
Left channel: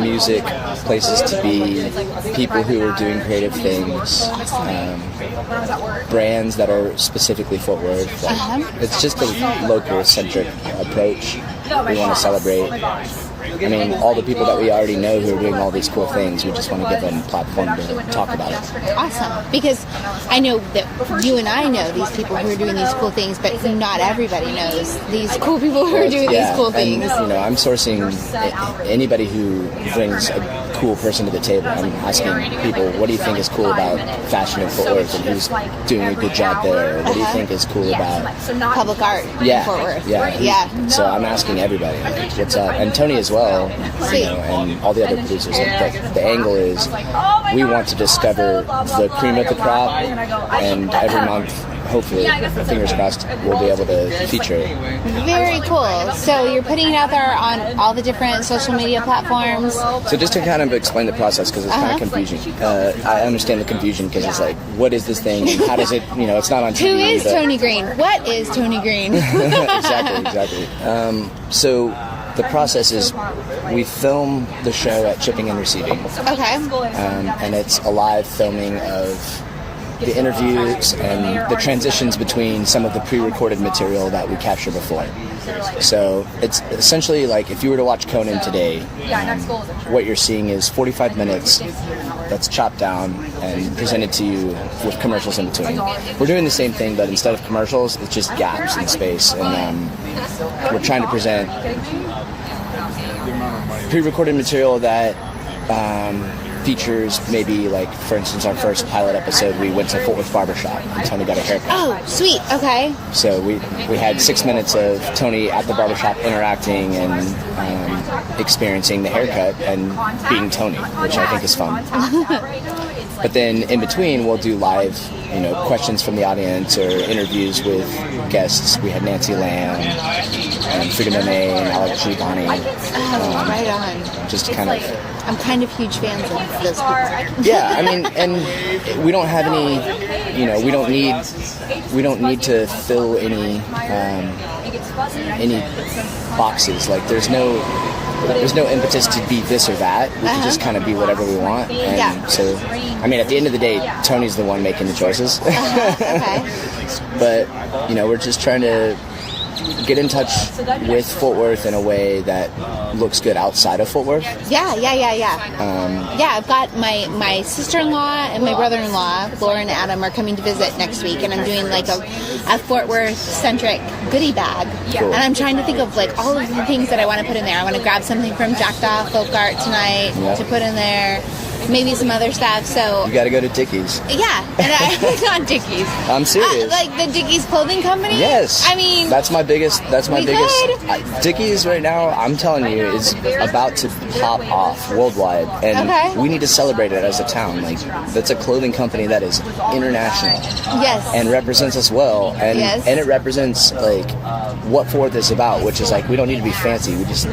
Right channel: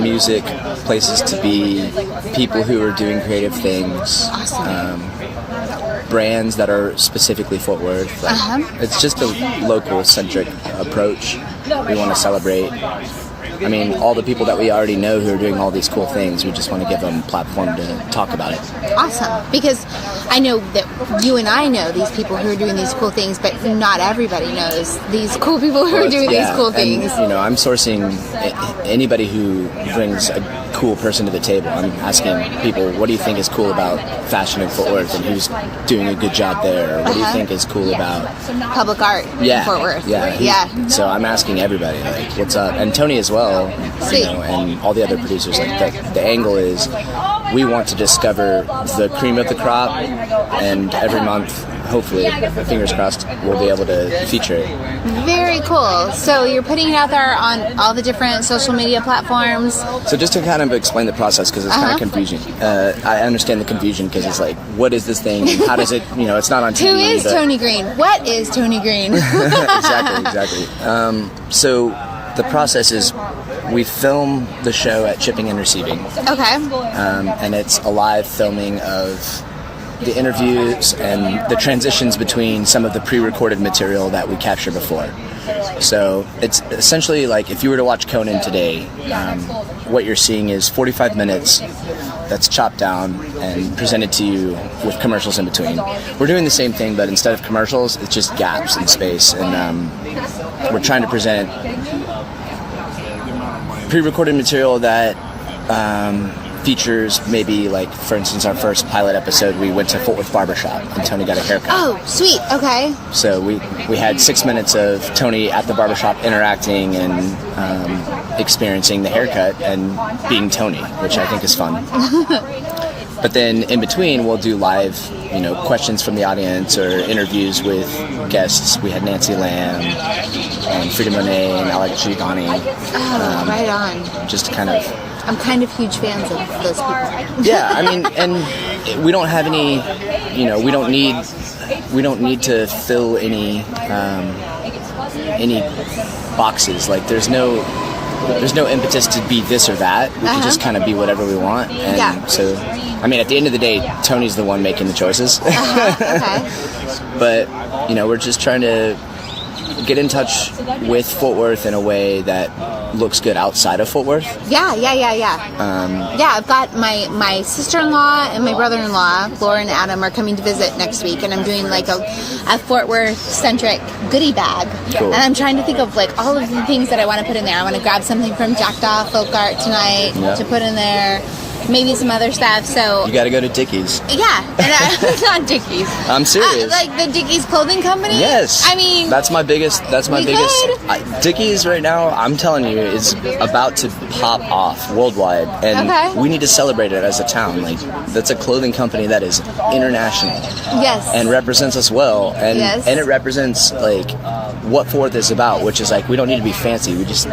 music, places to be, people who are doing creative things, brands that are specifically Fort Worth. It's just a local centric approach. We want to celebrate all the people that we already know who are doing all these cool things. We just want to give them a platform to talk about it. Awesome. Because I know that you and I know these people who are doing these cool things, but not everybody knows these cool people who are doing these cool things. And, I'm sourcing anybody who brings a cool person to the table. I'm asking people, what do you think is cool about fashion in Fort Worth, and who's doing a good job there? What do you think is cool about public art in Fort Worth? Yeah. So I'm asking everybody, what's up? And Tony as well, Sweet. and all the other producers. The angle is we want to discover the cream of the crop, and every month, hopefully, fingers crossed, we'll be able to feature it. Very cool. So you're putting it out there on all the different social media platforms. So just to kind of explain the process, because it's kind of confusing. I understand the confusion because it's like, what is this thing? And how does it, it's not on TV. Who is Tony Green? What is Tony Green? Exactly. So the process is we film the show at Shipping and Receiving. Okay. And it's a live filming of the interviews and the transitions between some of the pre-recorded material that we captured before. So it's essentially like if you were to watch Conan today, what you're seeing is 45 minutes that's chopped down and presented to you with commercials in between. We're doing the same thing, but instead of commercials, it's just gaps in space. And we're trying to present pre-recorded material that features maybe, like, for instance, our first pilot episode, we went to Fort Worth Barbershop and Tony got a haircut. Oh, sweet. Okay. So we had 6 minutes of Tony at the barbershop interacting and experiencing the haircut and being Tony, which I think is fun. But then in between, we'll do live, questions from the audience or interviews with guests. We had Nancy Lamb, Frida Monet, and Alex Giovanni. Right on. Just kind of... I'm kind of huge fans of those people. Yeah, I mean, and we don't have any, we don't need to fill any boxes. Like, there's no impetus to be this or that. We can just kind of be whatever we want. And so, I mean, at the end of the day, Tony's the one making the choices. Okay. But, we're just trying to get in touch with Fort Worth in a way that looks good outside of Fort Worth. Yeah. I've got my sister-in-law and my brother-in-law, Laura and Adam, are coming to visit next week, and I'm doing like a Fort Worth-centric goodie bag. Cool. And I'm trying to think of like all of the things that I want to put in there. I want to grab something from Jackdaw Folk Art tonight to put in there. Maybe some other stuff. So you got to go to Dickies. Yeah, and not Dickies. I'm serious. Like the Dickies clothing company. Yes. I mean, that's my biggest. Dickies right now, I'm telling you, is about to pop off worldwide, and we need to celebrate it as a town. Like, that's a clothing company that is international. Yes. And represents us well, and it represents like what Fort Worth is about, which is like we don't need to be fancy. We just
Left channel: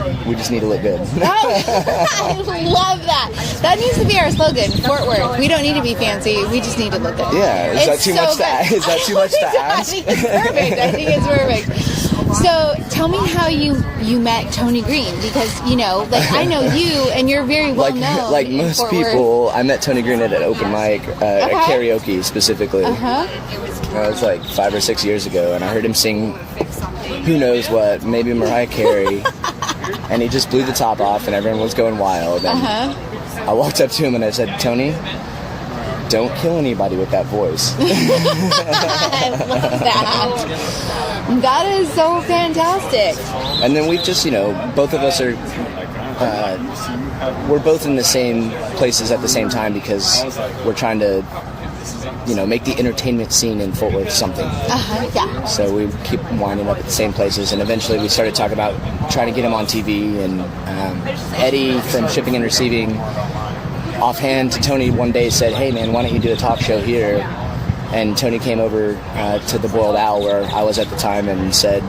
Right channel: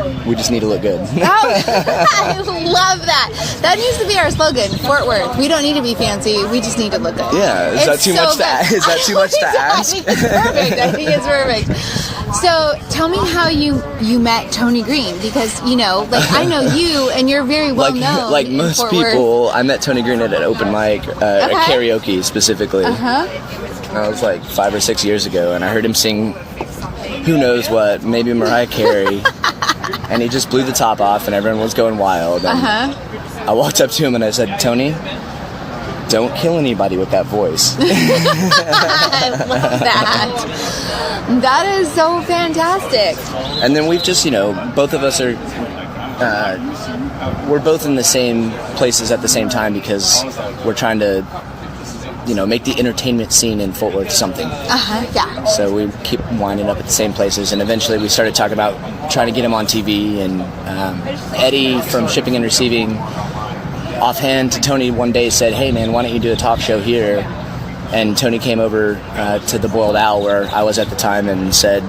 need to look good. I love that. That needs to be our slogan, Fort Worth. We don't need to be fancy. We just need to look good. Yeah. Is that too much to ask? I think it's perfect. I think it's perfect. So tell me how you met Tony Green, because I know you, and you're very well known. Like most Fort people, Worth. I met Tony Green at an open mic, at karaoke specifically. That was like 5 or 6 years ago, and I heard him sing who knows what, maybe Mariah Carey, and he just blew the top off, and everyone was going wild. And I walked up to him and I said, Tony, don't kill anybody with that voice. I love that. That is so fantastic. And then we've just, both of us are, we're both in the same places at the same time because we're trying to, make the entertainment scene in Fort Worth something. Yeah. So we keep winding up at the same places, and eventually we started talking about trying to get him on TV, and Eddie from Shipping and Receiving, offhand to Tony one day said, hey man, why don't you do a talk show here? And Tony came over to the Boiled Owl where I was at the time and said,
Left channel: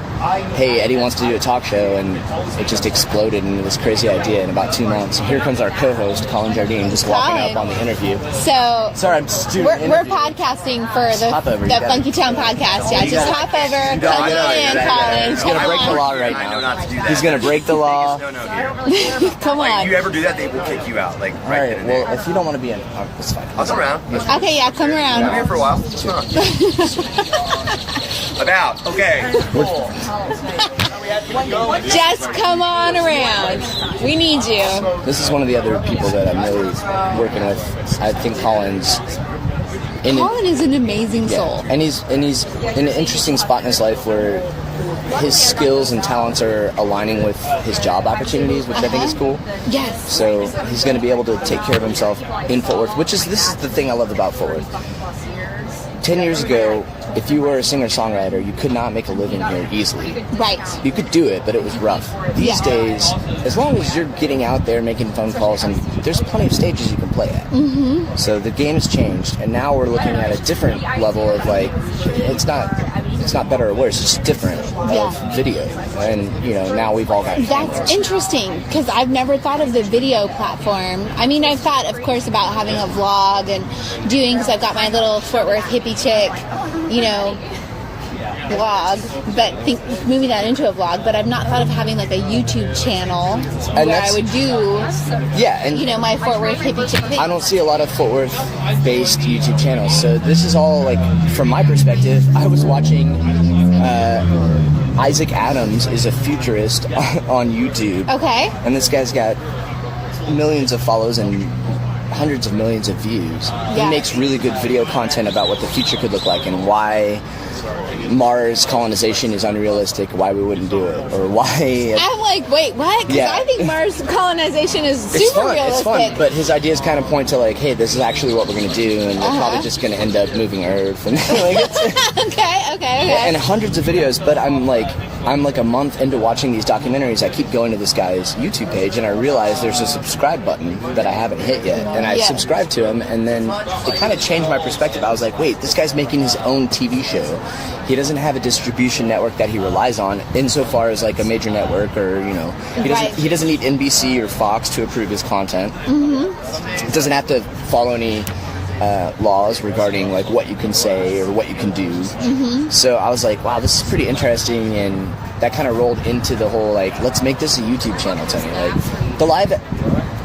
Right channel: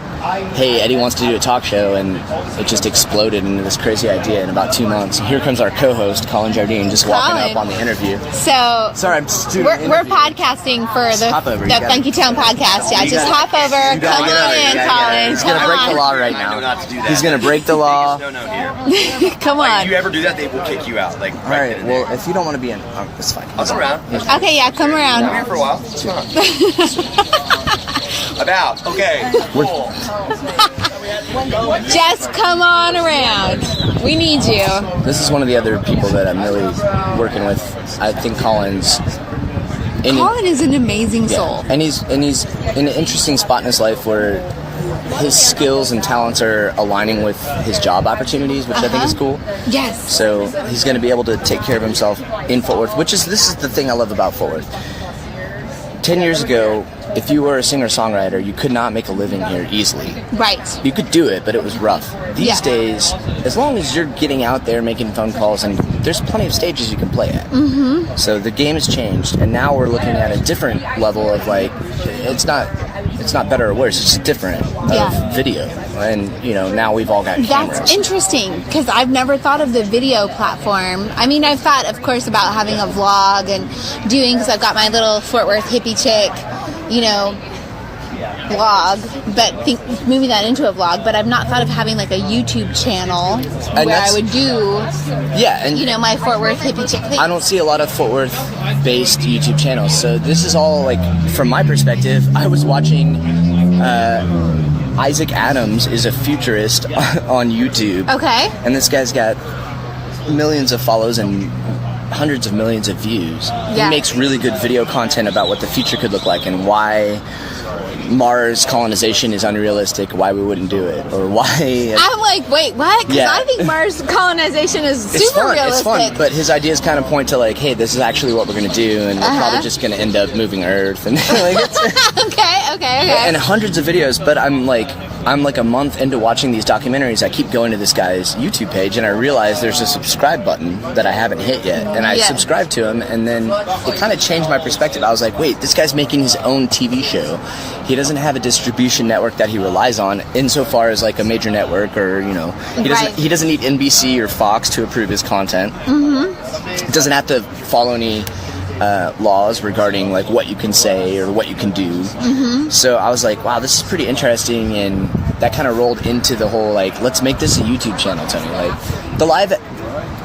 hey, Eddie wants to do a talk show, and it just exploded into this crazy idea in about 2 months. And here comes our co-host, Colin Jardine, just walking up on the interview. So sorry, I'm just doing we're podcasting for the Funkytown podcast. Yeah, just hop over. Come on in, Colin. He's going to break the law right now. I know not to do that. He's going to break the law. No here. Come on. If you ever do that, they will kick you out. Like, right then and there. Well, if you don't want to be in, it's fine. I'll come around. Okay, yeah, come around. I'm here for a while. It's not. About. Okay. Cool. Just come on around. We need you. This is one of the other people that I'm really working with. I think Colin is an amazing soul. And he's in an interesting spot in his life where his skills and talents are aligning with his job opportunities, which I think is cool. Yes. So he's going to be able to take care of himself in Fort Worth, this is the thing I love about Fort Worth. 10 years ago, if you were a singer-songwriter, you could not make a living here easily. Right. You could do it, but it was rough. These Yeah. days, as long as you're getting out there making phone calls, and there's plenty of stages you can play at. Mm-hmm. So the game has changed, and now we're looking at a different level of, like, it's not better or worse, it's just different of video. And, you know, now we've all got cameras. That's interesting, because I've never thought of the video platform. I mean, I've thought, of course, about having a vlog and doing, because I've got my little Fort Worth hippie chick, you know, vlog, but moving that into a vlog, but I've not thought of having like a YouTube channel where I would do, and you know, my Fort Worth hippie chick thing. I don't see a lot of Fort Worth based YouTube channels, so this is all, like, from my perspective. I was watching Issac Adams is a futurist on YouTube. Okay. And this guy's got millions of follows and hundreds of millions of views. He makes really good video content about what the future could look like and why Mars colonization is unrealistic, why we wouldn't do it, or why... I'm like, wait, what? Because I think Mars colonization is super realistic. It's fun, but his ideas kind of point to, like, hey, this is actually what we're going to do, and we're probably just going to end up moving Earth. And okay. And hundreds of videos, but I'm like a month into watching these documentaries. I keep going to this guy's YouTube page, and I realize there's a subscribe button that I haven't hit yet, and I subscribed to him, and then it kind of changed my perspective. I was like, wait, this guy's making his own TV show. He doesn't have a distribution network that he relies on insofar as, like, a major network, or, you know, he doesn't need NBC or Fox to approve his content. It doesn't have to follow any laws regarding, like, what you can say or what you can do. So I was like, wow, this is pretty interesting, and that kind of rolled into the whole, like, let's make this a YouTube channel, Tony. Like, the live.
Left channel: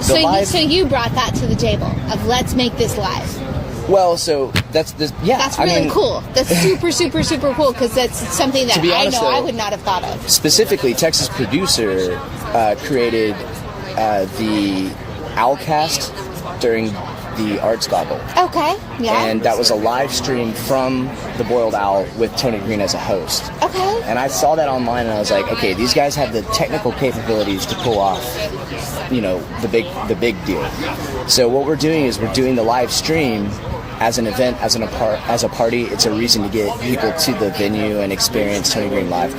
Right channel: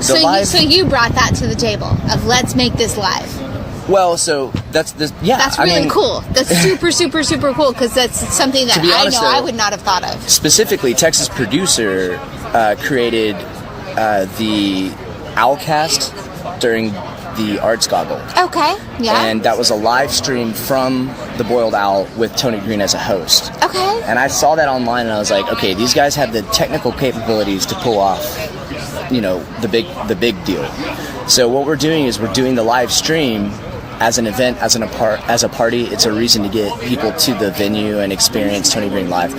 So you brought that to the table of let's make this live. Well, so that's really cool. That's super, super, super cool, because that's something that I would not have thought of. Specifically, Texas Producer created the Owlcast during the Arts Gobble. Okay, yeah. And that was a live stream from the Boiled Owl with Tony Green as a host. Okay. And I saw that online, and I was like, okay, these guys have the technical capabilities to pull off, you know, the big deal. So what we're doing is we're doing the live stream as an event, as a party. It's a reason to get people to the venue and experience Tony Green live.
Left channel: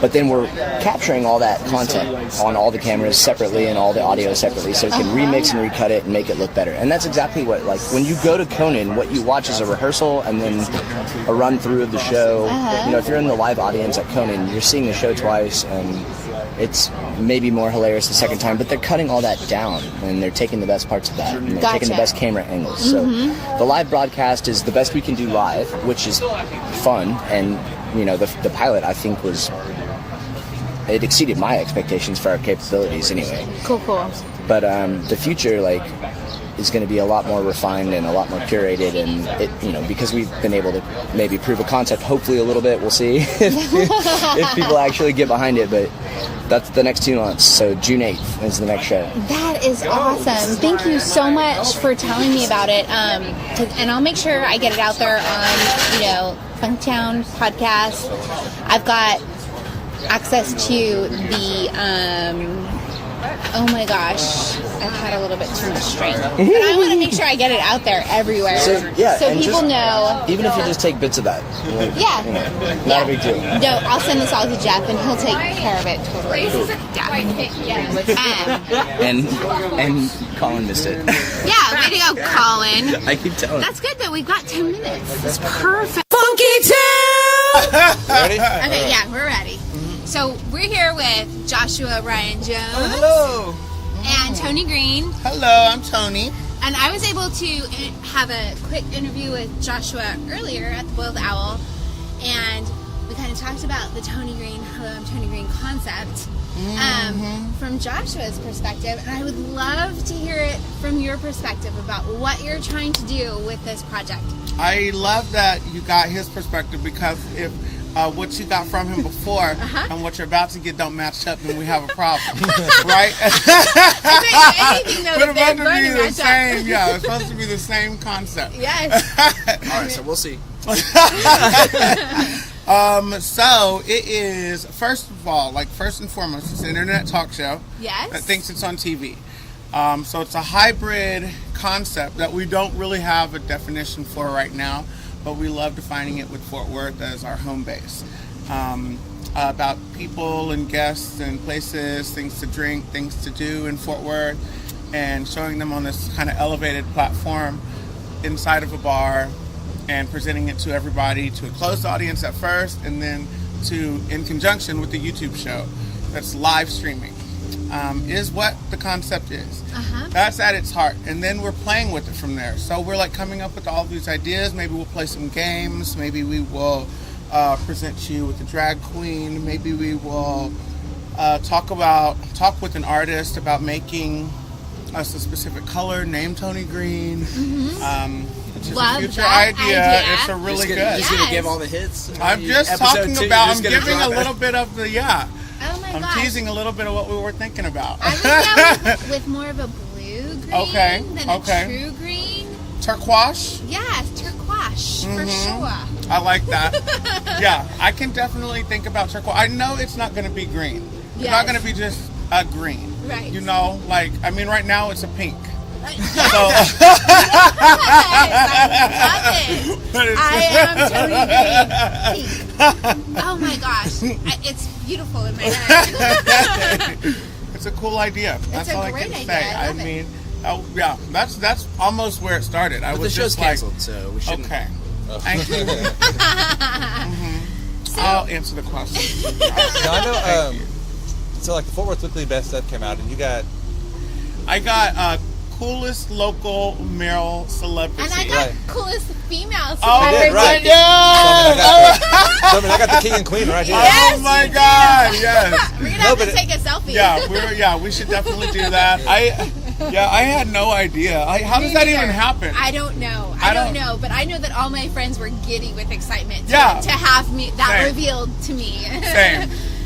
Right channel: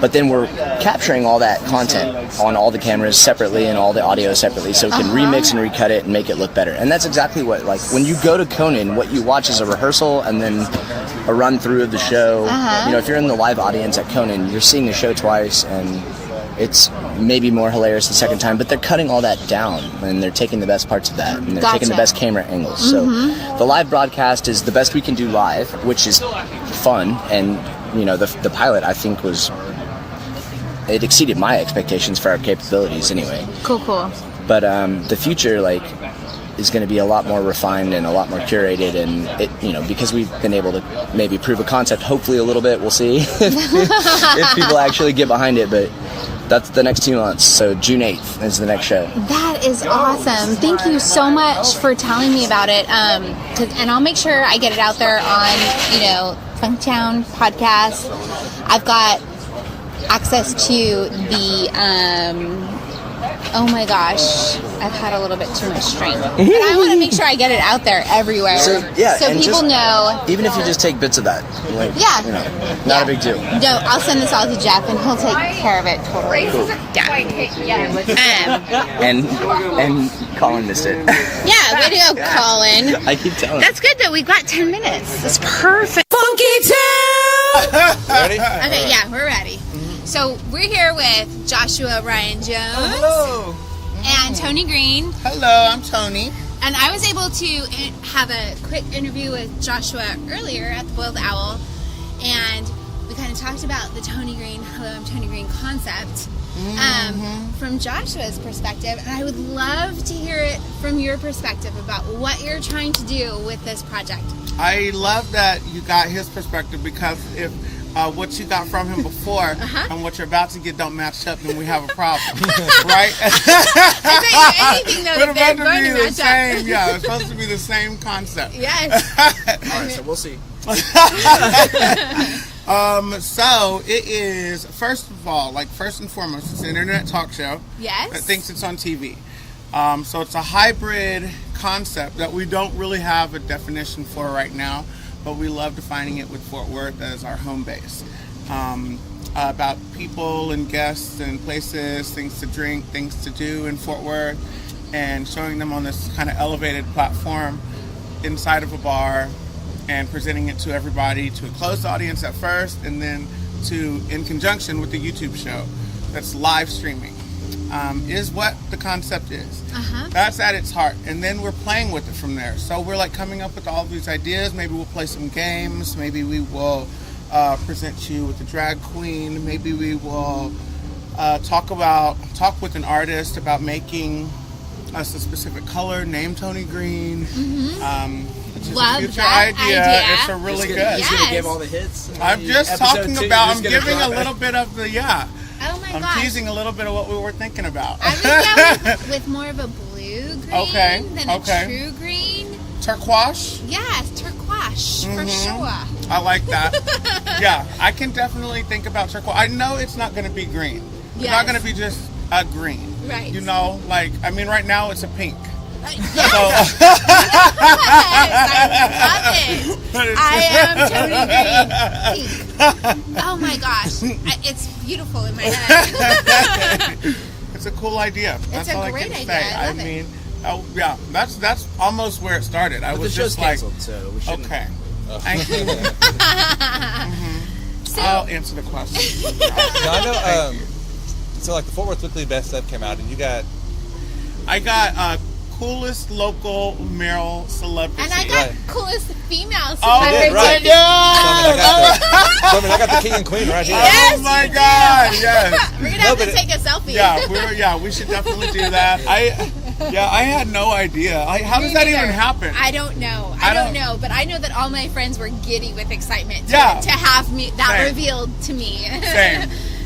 But then we're capturing all that content on all the cameras separately and all the audio separately, so we can remix and recut it and make it look better. And that's exactly what, like, when you go to Conan, what you watch is a rehearsal and then a run through of the show. You know, if you're in the live audience at Conan, you're seeing the show twice, and it's maybe more hilarious the second time, but they're cutting all that down, and they're taking the best parts of that, and they're taking the best camera angles. So the live broadcast is the best we can do live, which is fun, and, you know, the pilot, I think, it exceeded my expectations for our capabilities anyway. Cool. But the future, like, is going to be a lot more refined and a lot more curated, and it, you know, because we've been able to maybe prove a concept, hopefully a little bit, we'll see if people actually get behind it, but that's the next 2 months. So June 8th is the next show. That is awesome. Thank you so much for telling me about it. And I'll make sure I get it out there on, you know, Funkytown podcast. I've got access to the oh my gosh, I've had a little bit too much drink. But I want to make sure I get it out there everywhere. So people know. Even if you just take bits of that. Like, you know, not a big deal. No, I'll send this all to Jeff, and he'll take care of it totally. Cool. And Colin missed it. Yeah, way to go, Colin. I keep telling. That's good, though. We've got 10 minutes. That's perfect. Funkytown! Ready? Okay, yeah, we're ready. So we're here with Joshua Ryan Jones. Hello. And Tony Green. Hello, I'm Tony. And I was able to have a quick interview with Joshua earlier at the Boiled Owl, and we kind of talked about the Tony Green, Hello, I'm Tony Green concept from Joshua's perspective, and I would love to hear it from your perspective about what you're trying to do with this project. I love that you got his perspective, because if what you got from him before and what you're about to get don't match up, then we have a problem, right? But about to be the same, it's supposed to be the same concept. Yes. All right, so we'll see. So it is, first of all, like, first and foremost, it's an internet talk show that thinks it's on TV. So it's a hybrid concept that we don't really have a definition for right now, but we love defining it with Fort Worth as our home base. About people and guests and places, things to drink, things to do in Fort Worth, and showing them on this kind of elevated platform inside of a bar and presenting it to everybody, to a closed audience at first, and then to in conjunction with the YouTube show that's live streaming, is what the concept is. That's at its heart, and then we're playing with it from there. So we're like coming up with all these ideas. Maybe we'll play some games, maybe we will present you with a drag queen, maybe we will talk with an artist about making us a specific color, name Tony Green. It's just a future idea. It's a really good. He's going to give all the hits. I'm just talking about, I'm giving a little bit of the, Oh my I'm gosh. teasing a little bit of what we were thinking about. I would go with more of a blue green than a true green. Turquoise? Yeah, turquoise, for sure. I like that. Yeah, I can definitely think about turquoise. I know it's not going to be green. It's not going to be just a green. Right. You know, like, I mean, right now it's a pink. Yes. So, I am totally green. Pink. Oh my gosh. It's beautiful in my head. It's a cool idea. That's all I can say. I mean, yeah, that's almost where it started. I was just like, so we shouldn't. Okay. Thank you. I'll answer the question. No, I know. So, like, the Fort Worth Weekly Best Stuff came out, and I got coolest local male celebrity. And I got coolest female celebrity. Oh, did, right. I got the king and queen right here. Yes, Oh my God! Yes. We're gonna have to take a selfie. Yeah, we should definitely do that. I had no idea. How does that even happen? I don't know. I don't know, but I know that all my friends were giddy with excitement to have me revealed to me.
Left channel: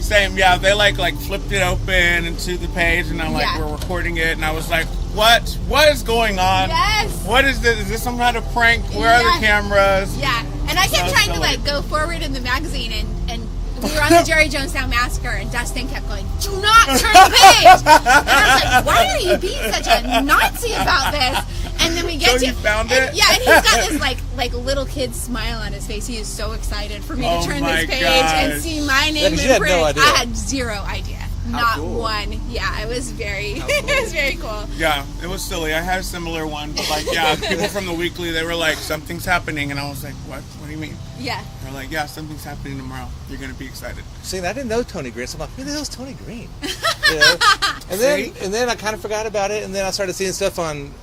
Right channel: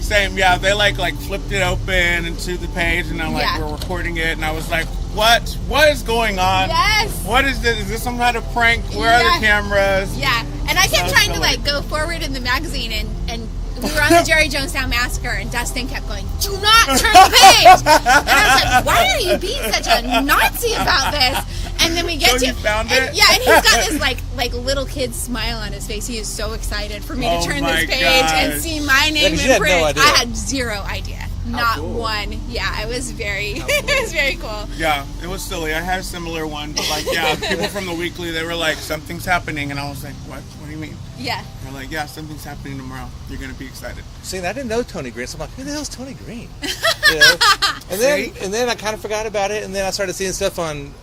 Same. Yeah, they like flipped it open into the page, and I'm like, we're recording it, and I was like, what is going on? Yes. What is this? Is this some kind of prank? Where are the cameras? Yeah, and I kept trying to go forward in the magazine, and we were on the Jerry Jonestown Massacre, and Dustin kept going, "Do not turn the page." And I was like, "Why are you being such a Nazi about this?" And then we get you found it? Yeah, and he's got this like little kid smile on his face. He is so excited for me to turn this page and see my name in you had print. no idea. I had zero idea. Not one. Yeah, it was very it was very cool. Yeah, it was silly. I had a similar one, but people from the weekly, they were like, something's happening, and I was like, what do you mean? Yeah. They're like, yeah, something's happening tomorrow. You're gonna be excited. See, I didn't know Tony Green, so I'm like, who the hell's Tony Green? You know? And then I kind of forgot about it, and then I started seeing stuff on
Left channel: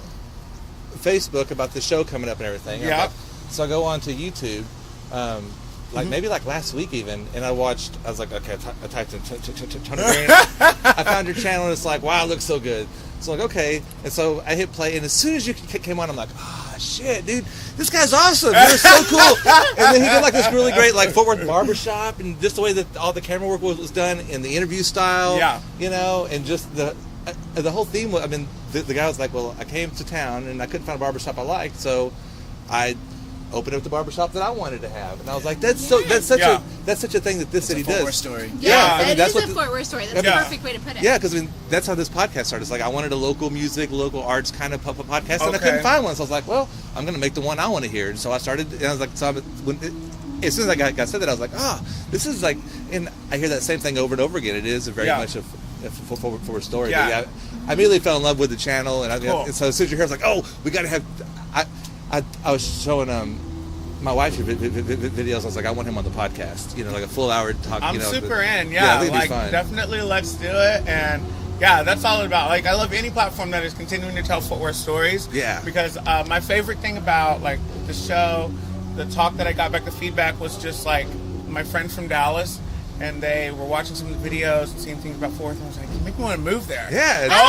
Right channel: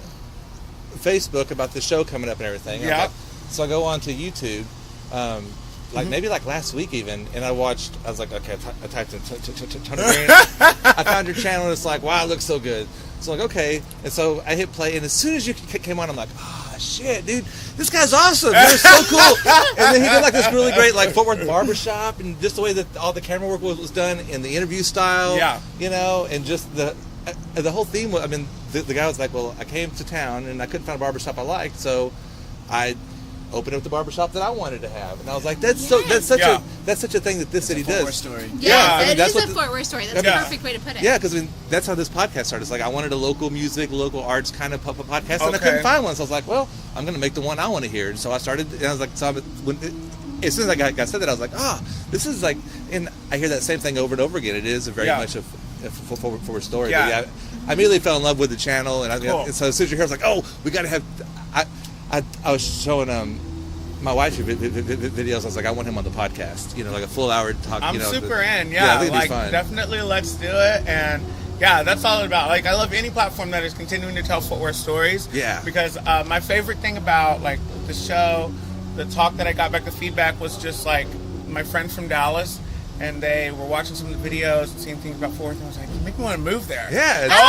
Facebook about the show coming up and everything. Yeah. So I go on to YouTube, maybe last week even, and I was like, okay, I typed in Tony Green. I found your channel, and it's like, wow, it looks so good. So like, okay, and so I hit play, and as soon as you came on, I'm like, oh shit, dude, this guy's awesome. You're so cool. And then he did this really great Fort Worth barbershop, and just the way that all the camera work was done, and the interview style, and just the whole theme. I mean, the guy was like, well, I came to town and I couldn't find a barbershop I liked, so I opened up the barbershop that I wanted to have, and I was like, that's such a thing that this city does. Fort Worth story. Yeah, I mean, that's what the Fort Worth story. That's the perfect way to put it. Yeah, because that's how this podcast started. It's like I wanted a local music, local arts kind of podcast, and I couldn't find one. So I was like, well, I'm going to make the one I want to hear. And so I started, and I was like, as soon as I got said that, I was like, this is like, and I hear that same thing over and over again. It is very much a Fort Worth story. Yeah. But I immediately fell in love with the channel, and and so as soon as you hear, I was like, oh, we got to have. I was showing my wife videos. I was like, I want him on the podcast. Like a full hour talk. I'm super in. I think it'd be fun. Definitely, let's do it. And that's all about. I love any platform that is continuing to tell Fort Worth stories. Yeah. Because my favorite thing about the show, the talk that I got back, the feedback was just my friends from Dallas. And they were watching some of the videos and seeing things about Fort Worth, and I was like, you make me want to move there. Yeah, it's I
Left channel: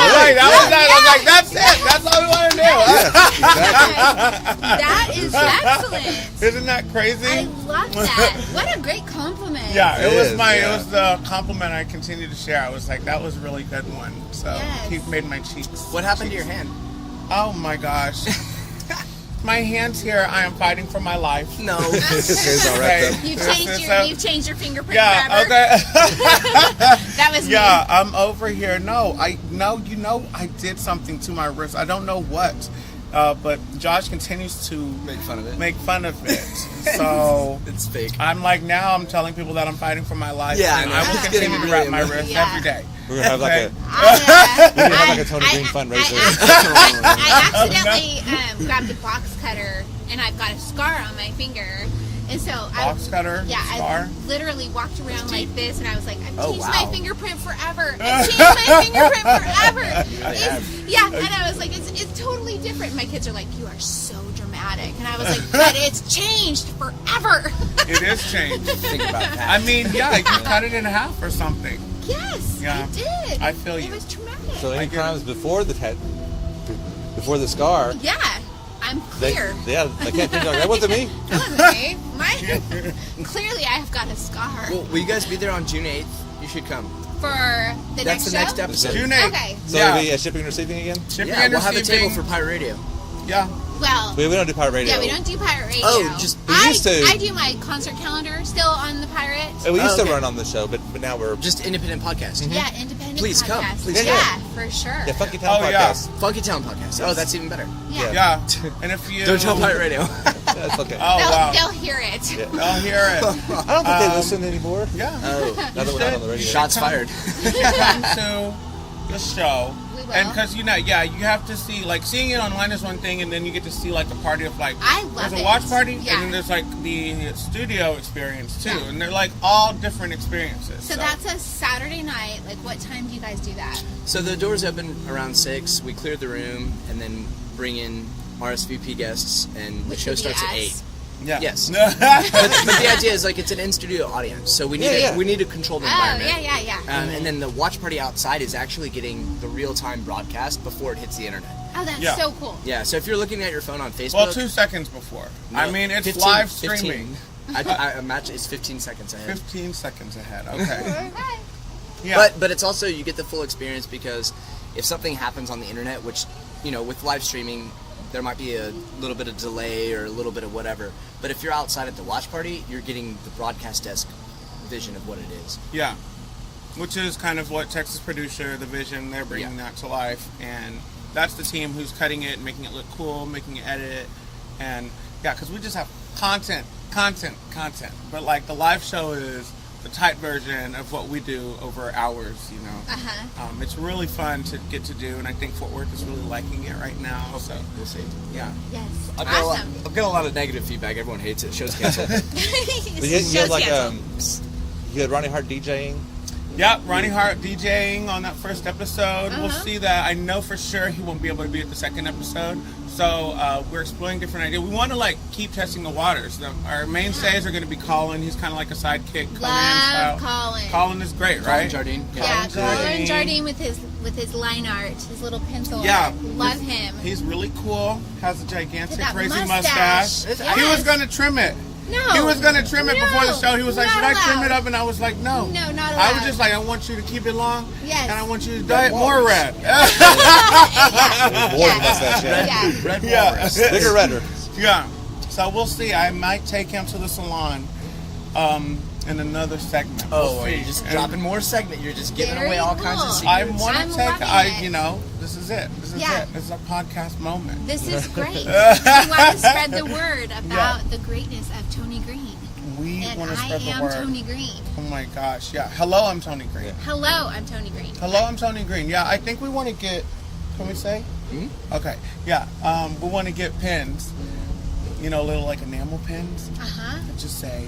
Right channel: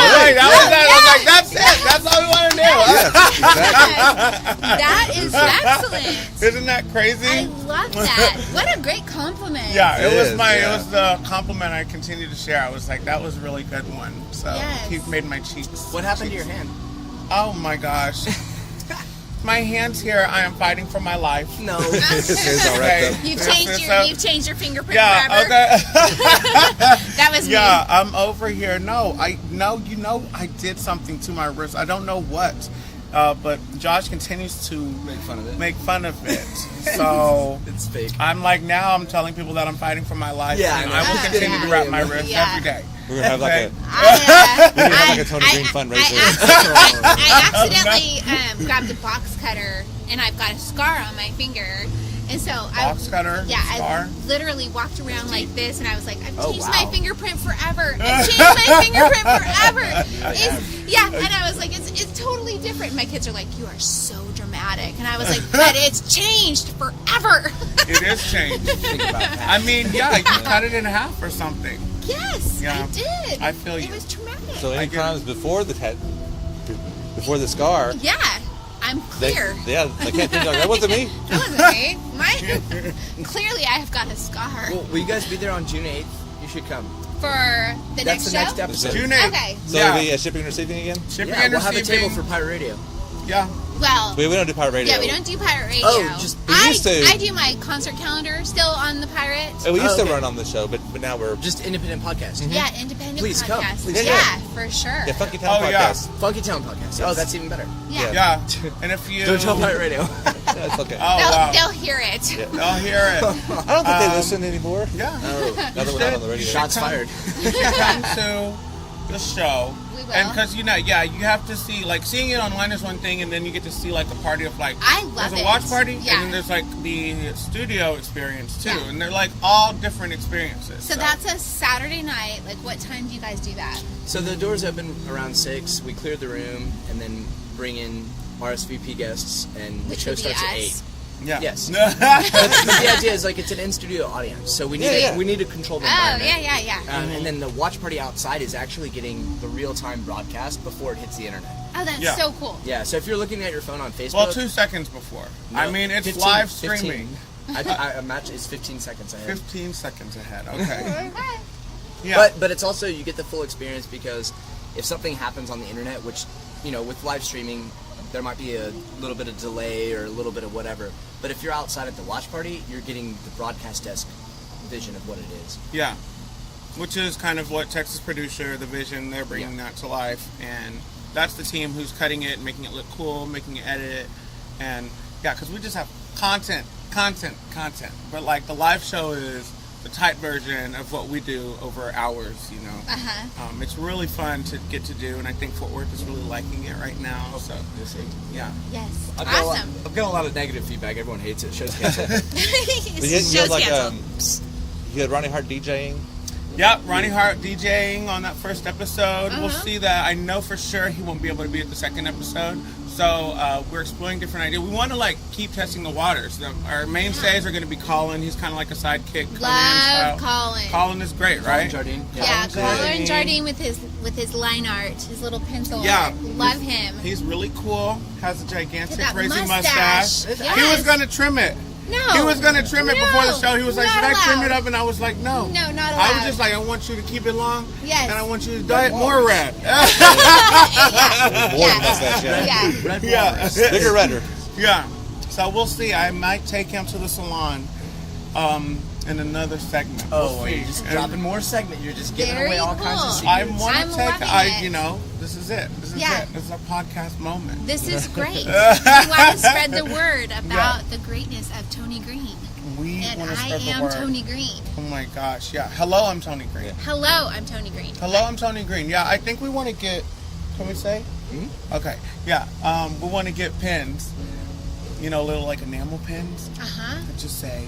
was like, that's it. That's all we want to do. Yeah, exactly. That is excellent. Isn't that crazy? I love that. What a great compliment. Yeah, it was the compliment I continue to share. I was like, that was a really good one. So he made my cheeks. What happened to your hand? Oh my gosh. My hands here, I am fighting for my life. No. It's all right, though. You've changed your fingerprint forever. Okay. That was me. I'm over here. No, I did something to my wrist. I don't know what. But Josh continues to make fun of it. So It's fake. I'm like, now I'm telling people that I'm fighting for my life, Yeah, and I know. I will continue to wrap my wrist Yeah. every day. We're gonna have like Okay. a we're gonna have like a Tony Green fundraiser. I accidentally grabbed a box cutter, and I've got a scar on my finger. And so Box cutter, scar? I literally walked around like this, and I was like, I've Oh, changed wow. my fingerprint forever. I've changed my fingerprint forever. And I was like, it's totally different. My kids are like, you are so dramatic. And I was like, but it's changed forever. It is changed. Think about that. I mean, yeah, you cut it in half or something. Yes, Yeah. I did. I feel you. It was traumatic. So I any get it. crimes before the scar, Yeah, I'm they clear. can't think like that wasn't me. Okay, clearly I have got a scar Well, will you guys be there on June 8th? You should come. for the That's next the show. next episode. June 8th. Okay. So Yeah. it'll be shipping and receiving again. Shipping Yeah, and we'll have a receiving. table for Pirate Radio. Yeah. Well, We don't do pirate radio. yeah, we don't do pirate radio. Oh, just- we used to. I do my concert calendar still on the pirate. We used to okay. run on the show, but now we're Just independent podcast. Yeah, independent Please come. podcast. Please yeah, for sure. yeah, Funkytown Oh, yeah. podcast. Funkytown podcast. Oh, that's even better. Yeah. Yeah. And if you... Don't tell Pirate Radio. Yeah, it's okay. Oh, They'll, wow. they'll hear it. Yeah. I'll hear it. I don't think they listen anymore. Yeah. Oh, Now that we're not on the radio. shots fired. You should come to the show. We will. And because, you have to see, like, seeing it online is one thing, and then you get to see, like, the party of, like, I love there's a it. watch party, Yeah. and then there's, like, the studio experience, too. Yeah. And they're, like, all different experiences. So that's a Saturday night. Like, what time do you guys do that? So the doors open around 6. We clear the room and then bring in RSVP guests, and the Which show would be starts at us. 8. Yeah. Yes. but the idea is like it's an in-studio audience, so we need to control the Oh, environment. yeah. And then the watch party outside is actually getting the real-time broadcast before it hits the internet. Oh, that's Yeah. so cool. Yeah, so if you're looking at your phone on Facebook... Well, 2 seconds before. No, I mean, it's 15 live streaming. 15. I imagine it's 15 seconds ahead. 15 seconds ahead. Okay. Okay. Yeah. But it's also, you get the full experience because if something happens on the internet, which, with live streaming, there might be a little bit of delay or a little bit of whatever. But if you're outside at the watch party, you're getting the broadcast desk vision of what it is. Yeah. Which is kind of what Texas Producer, the vision, they're bringing that to life. And that's the team who's cutting it and making it look cool, making it edit. And, yeah, because we just have content. But, like, the live show is the tight version of what we do over hours, It's really fun to get to do, and I think Fort Worth is really liking it right now. So, We'll see. yeah. Yes. I've got Awesome. a lot of negative feedback. Everyone hates it. Show's canceled. But you had like you had Ronnie Hart DJing. Yep, Ronnie Hart DJing on that first episode. We'll see that. I know for sure he won't be able to be at the second episode. So we're exploring different ideas. We want to keep testing the waters. Our mainstays are going to be Colin. He's kind of like a sidekick. Love Colin. Colin is great, right? Jardine. Yeah, Colin Jardine. Jardine with his line art, his little pencil. Yeah. art. Love him. He's really cool. Has a gigantic With that crazy mustache. mustache. He Yes. was going to trim it. No. He was going to trim it before the show. He was like, not should I trim allowed. it up? And I was like, no. No, not I was allowed. just like, I want you to keep it long. Yes. And I want you to dye it more red. More mustache, yeah. Yeah. Yeah. Bigger, redder. Yeah. So we'll see. I might take him to the salon in another segment. Oh, We'll you're see. just And dropping more segment. You're just giving Very away all kinds of cool. secrets. I want I'm to take, loving it. this is it. This is Yeah. it. This is a podcast moment. This is great. We want to spread the word about the greatness of Tony Green. We And want to I spread the am word. Tony Green. Oh my gosh. Yeah. Hello, I'm Tony Green. Hello, I'm Tony Green. Hello, I'm Tony Green. Yeah, I think we want to get, can we say? Okay. Yeah. We want to get pins, little like enamel pins that just say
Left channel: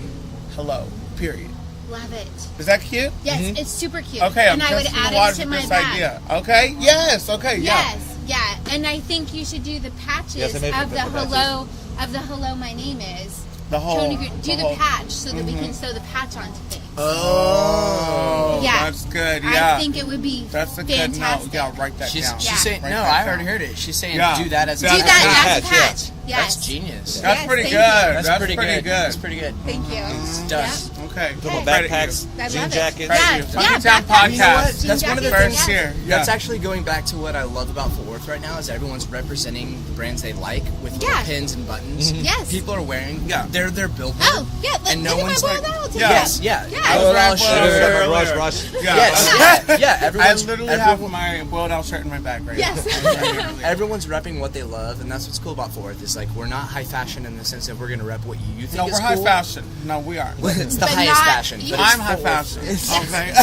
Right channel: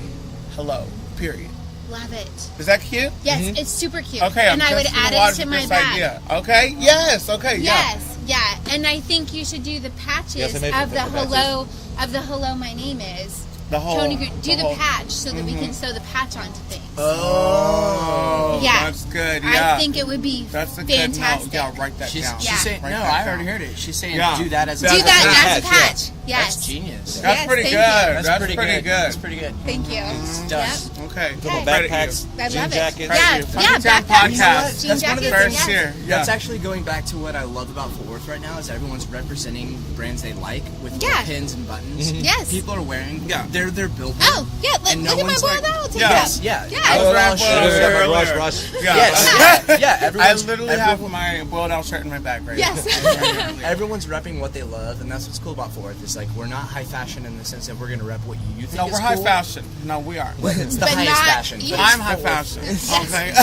hello, period. Love it. Is that cute? Yes, it's super cute. Okay, and I'm I would testing add the waters it to with my this bag. idea. Okay? Yes. Okay. Yeah. Yes, yeah. And I think you should do the patches Yes, I may of put the the patches. hello, my name is. The whole. Tony Green. Do the whole- patch so that we can sew the patch onto things. Oh, Yeah. that's good. Yeah. I think it would be That's a good fantastic. note. Yeah, write that She's down. saying, Write no, that I down. already heard it. She's saying Yeah. do that as a Do that as a Patch, patch. Yes. That's genius. That's pretty thank good. you. That's pretty good. That's pretty good. Thank you. It's done. Okay. Little Credit backpacks, I jean love it. jackets. Yeah, Funkytown backpacks. You know what? podcast. That's one of the First things. here. That's Yeah. actually going back to what I love about Fort Worth right now is everyone's representing brands they like with Yeah. pins and buttons. Yes. People are wearing Yeah. their billboard. Oh, yeah. Look, And no look at my one's boiled like- owls. Yeah. Yes, yeah. Yeah. I was rapping earlier. Rush. Yeah. Yes, yeah. I Everyone's, literally have my boiled out shirt in my bag right Yes. now. everyone's repping what they love, and that's what's cool about Fort Worth. Is like we're not high fashion in the sense that we're going to rep what you think No, is we're high cool. fashion. No, we are. But it's the But highest not- fashion. But I'm it's high Fort Worth. fashion. Okay.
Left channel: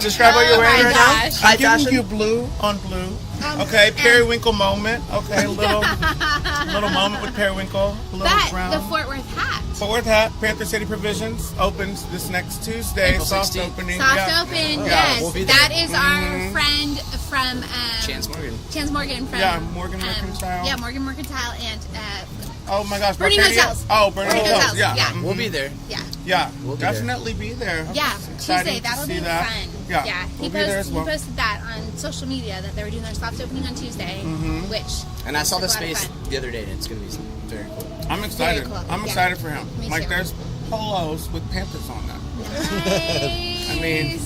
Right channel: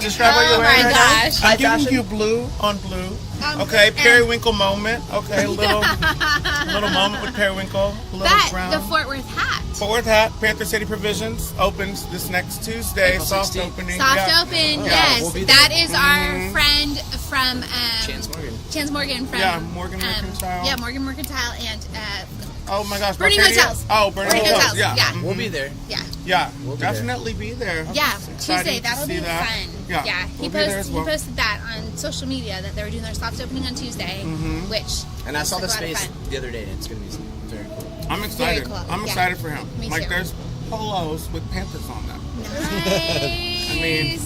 Describe what you're wearing right now. gosh. High I'm giving fashion? you blue on blue. Okay, periwinkle moment. Okay, little moment with periwinkle. Little That, brown. the Fort Worth hat. Fort Worth hat. Panther City Provisions opens this next Tuesday. April Soft 16th. opening. Soft Yeah. open, Yeah, yes. we'll be there. That is our friend from Chance Morgan. Chance Morgan from Yeah, Morgan Mercantile. Yeah, Morgan Mercantile and Oh my gosh, Burning Arcadia? Hotels. Oh, Burning Burning Hotels. Hotels, Yeah. yeah. We'll be there. Yeah. We'll be there. Definitely be there. yeah, It's Tuesday. exciting That'll to be see that. fun. Yeah. He, We'll be there as well. he posted that on social media that they were doing their soft opening on Tuesday, which And I saw the was a lot of space fun. the other day, and it's going to be very cool. I'm excited. Very cool. I'm Yeah. excited for him. Me Like too. there's polos with Panthers on them. Nice. I mean,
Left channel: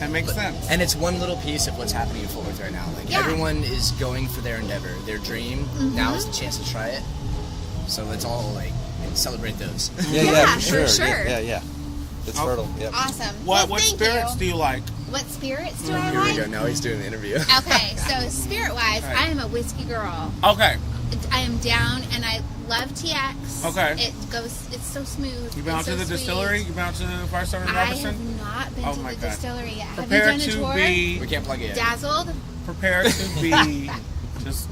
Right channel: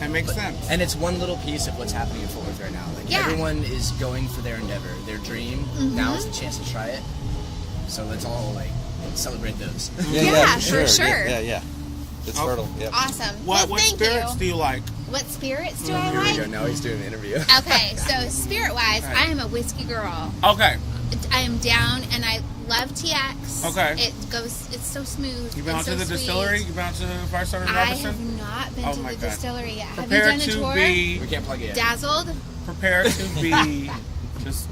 that makes sense. And it's one little piece of what's happening in Fort Worth right now. Like Yeah. everyone is going for their endeavor, their dream. Now is the chance to try it. So let's all like celebrate those. Yeah, for for sure. sure. Yeah. It's fertile. Yeah. Awesome. What Well, thank spirits you. do you like? What spirits do I Here we like? go. Now he's doing the interview. Okay, so spirit-wise, Right. I am a whiskey girl. Okay. I am down, and I love TX. Okay. It's so smooth. You been out and to so the sweet. distillery? You been out to the Firestone and I have Robertson? not been Oh to my the God. distillery yet. Prepare have you done a to tour? be We can't plug it in. Dazzled? prepare to be just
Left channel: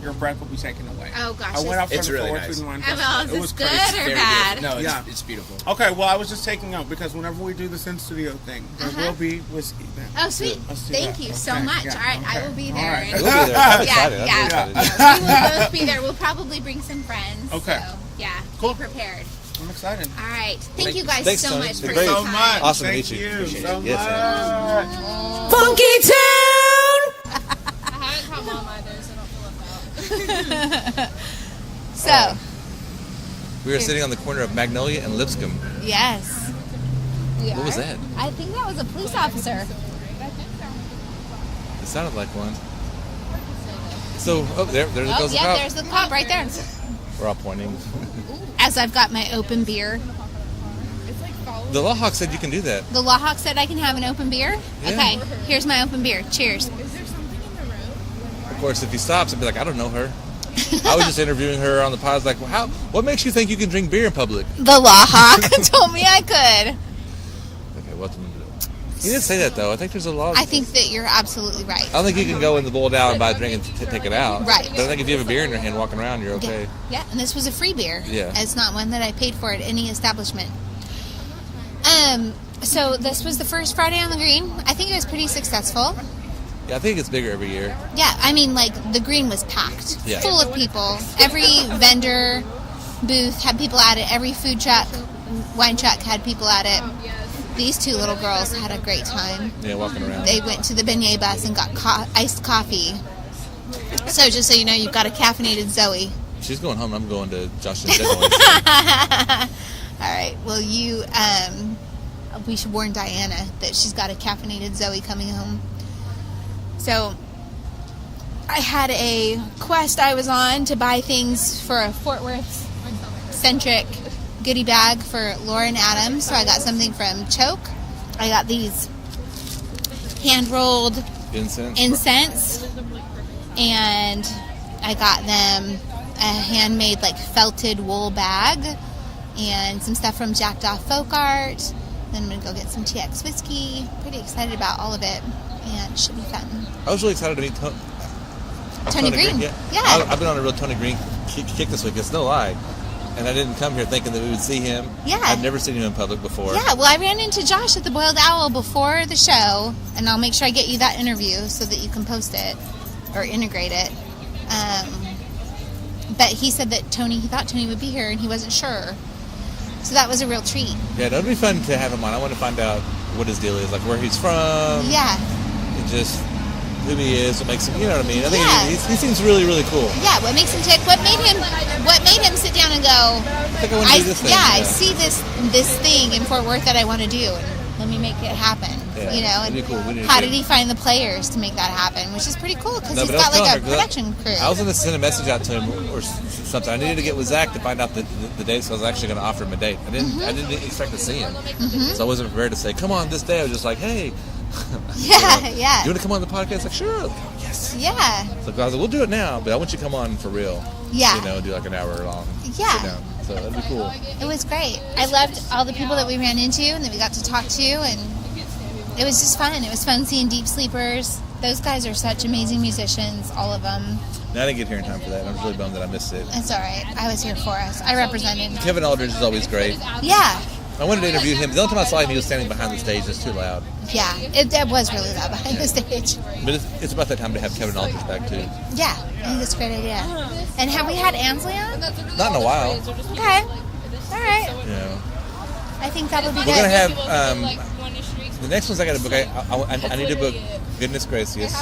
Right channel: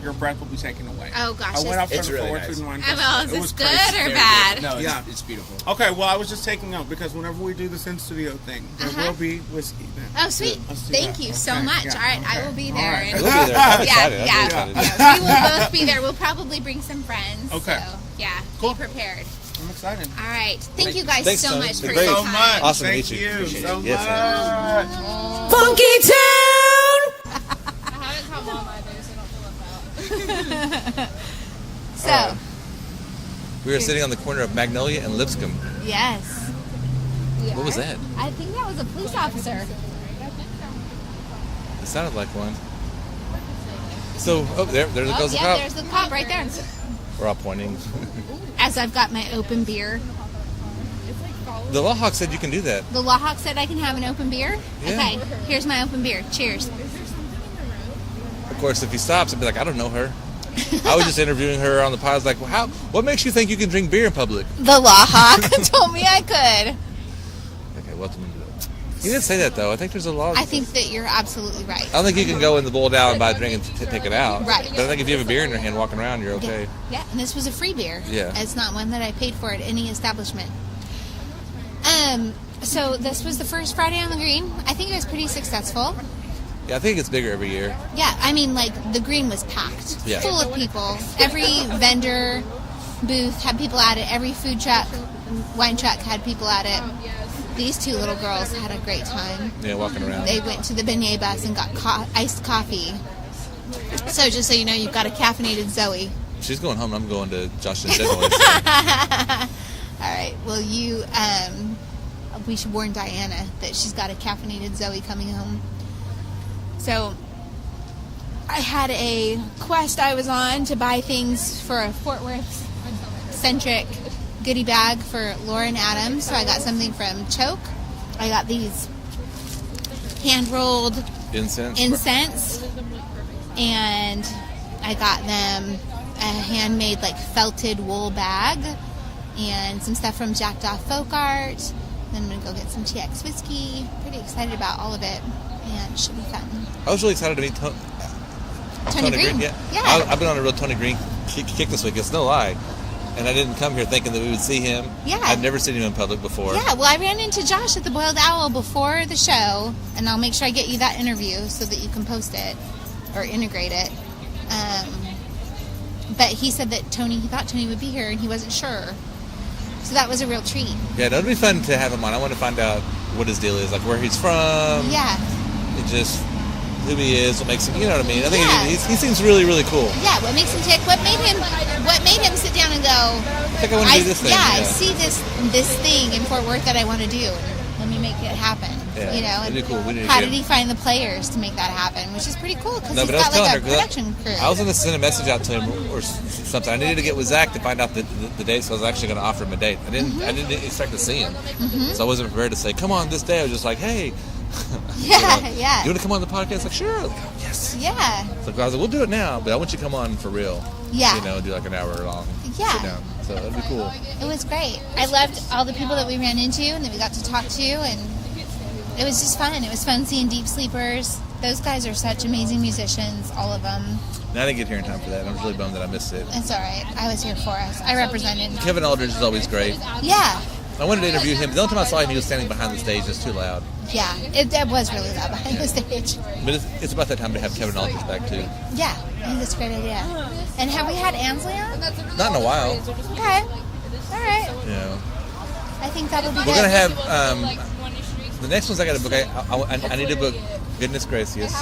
your breath will be taken away. Oh, gosh, I went out for it's the really Fort nice. Worth Wine Oh, Festival. is It was this good crazy. or Very bad? good. No, Yeah. it's beautiful. Okay, well, I was just taking note because whenever we do this in studio thing, there will be whiskey then. Oh, sweet. Let's do Thank that. you so Okay, much. yeah, All right, I okay. will be All there. right. You'll be there. I'm excited. Yeah, I'm yeah. really excited. We will both be there. We'll probably bring some friends. Okay. So, yeah. Cool. Be prepared. I'm excited. All right. Thank you guys Thanks, so Tony. much It's for been your great. So time. much. Awesome to Thank meet you. Appreciate so it. Yes, much. Funkytown! I haven't caught mom either, so don't feel left out. So, We were sitting on the corner of Magnolia and Lipscomb. yes. What was that? I think that was a police officer. It sounded like one. So, there goes the yeah, cop. there's the cop right there. We're all pointing. As I've got my open beer. The Law Hawk said you can do that. The Law Hawk said I can have an open beer? Yeah. Okay, here's my open beer. Cheers. Of course, if he stops, I'd be like, I don't know her. I was just interviewing her on the pod. I was like, well, what makes you think you can drink beer in public? The Law Hawk told me I could. Okay, welcome to that. You didn't say that, though. I think there's a law. I think that you're absolutely right. I don't think you can go in the bowl down and buy a drink and take it out. Right. But I think if you have a beer in your hand walking around, you're okay. Yeah, and this was a free beer. Yeah. It's not one that I paid for at any establishment. So this was the first Friday on the Green. I think it was pretty successful. Yeah, I think it gets bigger every year. Yeah, I mean, like, the Green was packed. Yeah. Full of people. Every vendor booth had people at it. Every food truck, wine truck had people at it. These two little girls had a great time. Yeah, walking around. They went to the beignet bus and got iced coffee. So just so you know, you've got a caffeinated Zoe. She's going home. I'm going to Josh and Deadwood. All right. Well, we should warn Diana that she's got a caffeinated Zoe coming home. So I had a quest I was on to buy things for a Fort Worth-centric goodie bag for Lauren Adams. So I got something from Cho Ke. I got these hand-rolled incense. And I got them a handmade, like, felted wool bag and some stuff from Jacked Off Folk Art. Then I'm going to go get some TX whiskey. Pretty excited about all of it. And it should be fun. I was really excited to meet Tony Green. Yeah. Yeah. I've been on a real Tony Green kick this week. It's no lie. And I didn't come here thinking that we would see him. Yeah. I've never seen him in public before. Yeah, well, I ran into Josh at the Boiled Owl before the show. And I'll make sure I get you that interview so that you can post it or integrate it. But he said that he thought Tony would be here and he wasn't sure. So that was a real treat. Yeah, that'd be fun to have him on. I want to find out what his deal is, like where he's from. Yeah. It just, who he is, what makes him, you know what I mean? I think Yeah. he seems really, really cool. Yeah, what makes him tick? What made him sit down and go? I think I want to do this thing. Yeah, I see this thing in Fort Worth that I want to do, and let me make it happen. Yeah, you know, and it'd be cool. We need to how get did he find the players to make that happen? Which is pretty cool because No, he's but I was got telling like a her, 'cause production crew. I was going to send a message out to him or something. I needed to get with Zach to find out the date, so I was actually going to offer him a date. I didn't expect to see him, so I wasn't prepared to say, "Come on this day." I was just like, "Hey, Yeah, yeah. you want to come on the podcast?" Like, sure. Like, yes. Yeah. So I was like, "We'll do it now, but I want you to come on for real." Yeah. You know, do like an hour long Yeah. sit down. So that'd be cool. It was great. I loved all the people that we ran into and that we got to talk to, and it was just fun. It was fun seeing Deep Sleepers. Those guys are such amazing musicians, all of them. Now I didn't get here in time for that. I'm really bummed that I missed it. It's all right. I was here for us. I represented. Kevin Aldridge is always great. Yeah. I wanted to interview him. The only time I saw him, he was standing behind the stage. It's too loud. Yeah. It was really loud behind the stage. But it's about that time to have Kevin Aldridge back, too. Yeah. I think that's a great idea. And have we had Ansley on? Not in a while. Okay. All right. Yeah. I think that would be We're good. going to have... the next ones I got to book, I need to book Goodness Gracious.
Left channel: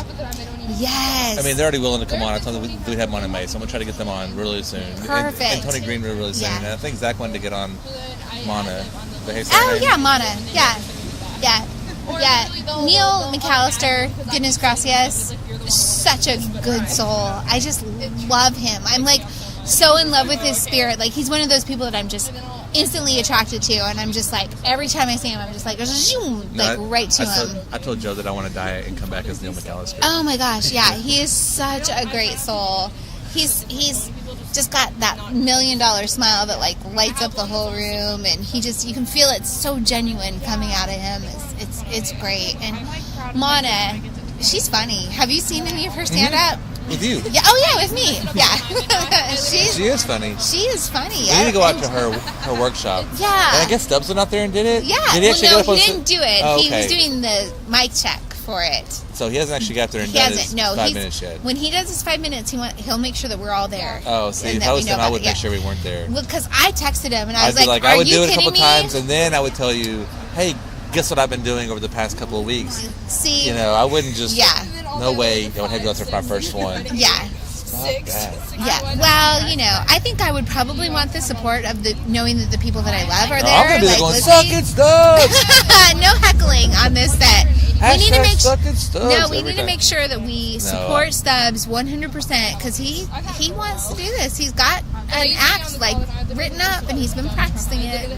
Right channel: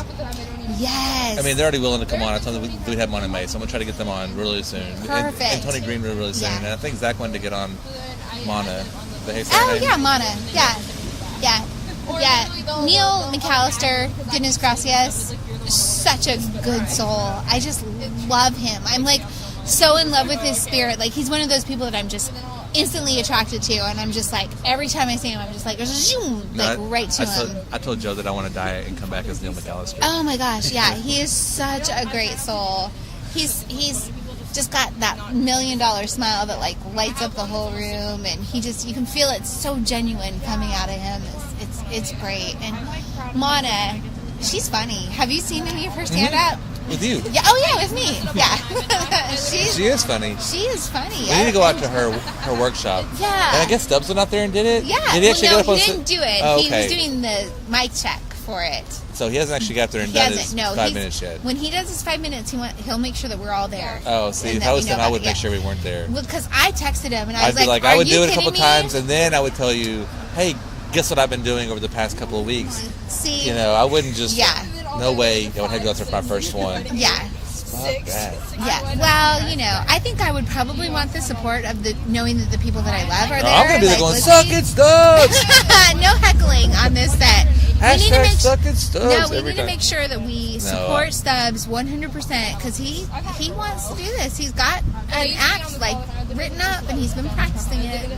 Yes. I mean, they're already willing to come on. I told them we'd have them on in May, so I'm going to try to get them on really soon. Perfect. And Tony Green really soon. Yeah. And I think Zach wanted to get on Mana. The Hey Oh, Name. yeah, Mana. Yeah. Yeah. Yeah. Neil McAllister, Goodness Gracias, such a good soul. I just love him. I'm like so in love with his spirit. Like, he's one of those people that I'm just instantly attracted to, and I'm just like, every time I see him, I'm just like, zoom, like right to him. I told Joe that I want to die and come back as Neil McAllister. Oh my gosh, yeah, he is such a great soul. He's just got that $1 million smile that like lights up the whole room, and you can feel it so genuine coming out of him. It's great. And Mana, she's funny. Have you seen any of her stand up? With you. Yeah. Oh yeah, with me. Yeah. She is funny. She is funny. We need to go out to her workshop. Yeah. And I guess Stubbs went out there and did it? Yeah. Did he actually get up on he didn't do it. Oh, He okay. was doing the mic check for it. So he hasn't actually got there and He done hasn't. his No, 5 minutes yet. When he does his 5 minutes, he'll make sure that we're all there. Oh, see, And if that I was we him, know I about would it. make sure we weren't there. Well, because I texted him and I I'd was be like, "Are I would you do it a couple kidding me?" times, and then I would tell you, hey, guess what I've been doing over the past couple of weeks? See, You know, I wouldn't just, Yeah. no way, I would have you out there for my first one. Yeah. Fuck that. Yeah. Well, you know, I think I would probably want the support of knowing that the people that I love are No, there. I'm going to be there like, going, suck listening. it, Stubbs! No heckling on this set. Hashtag suck it, Stubbs. No, we every need to time. make sure that we support Stubbs 100% because he wants to do this. He's got an act like written up and he's been practicing it.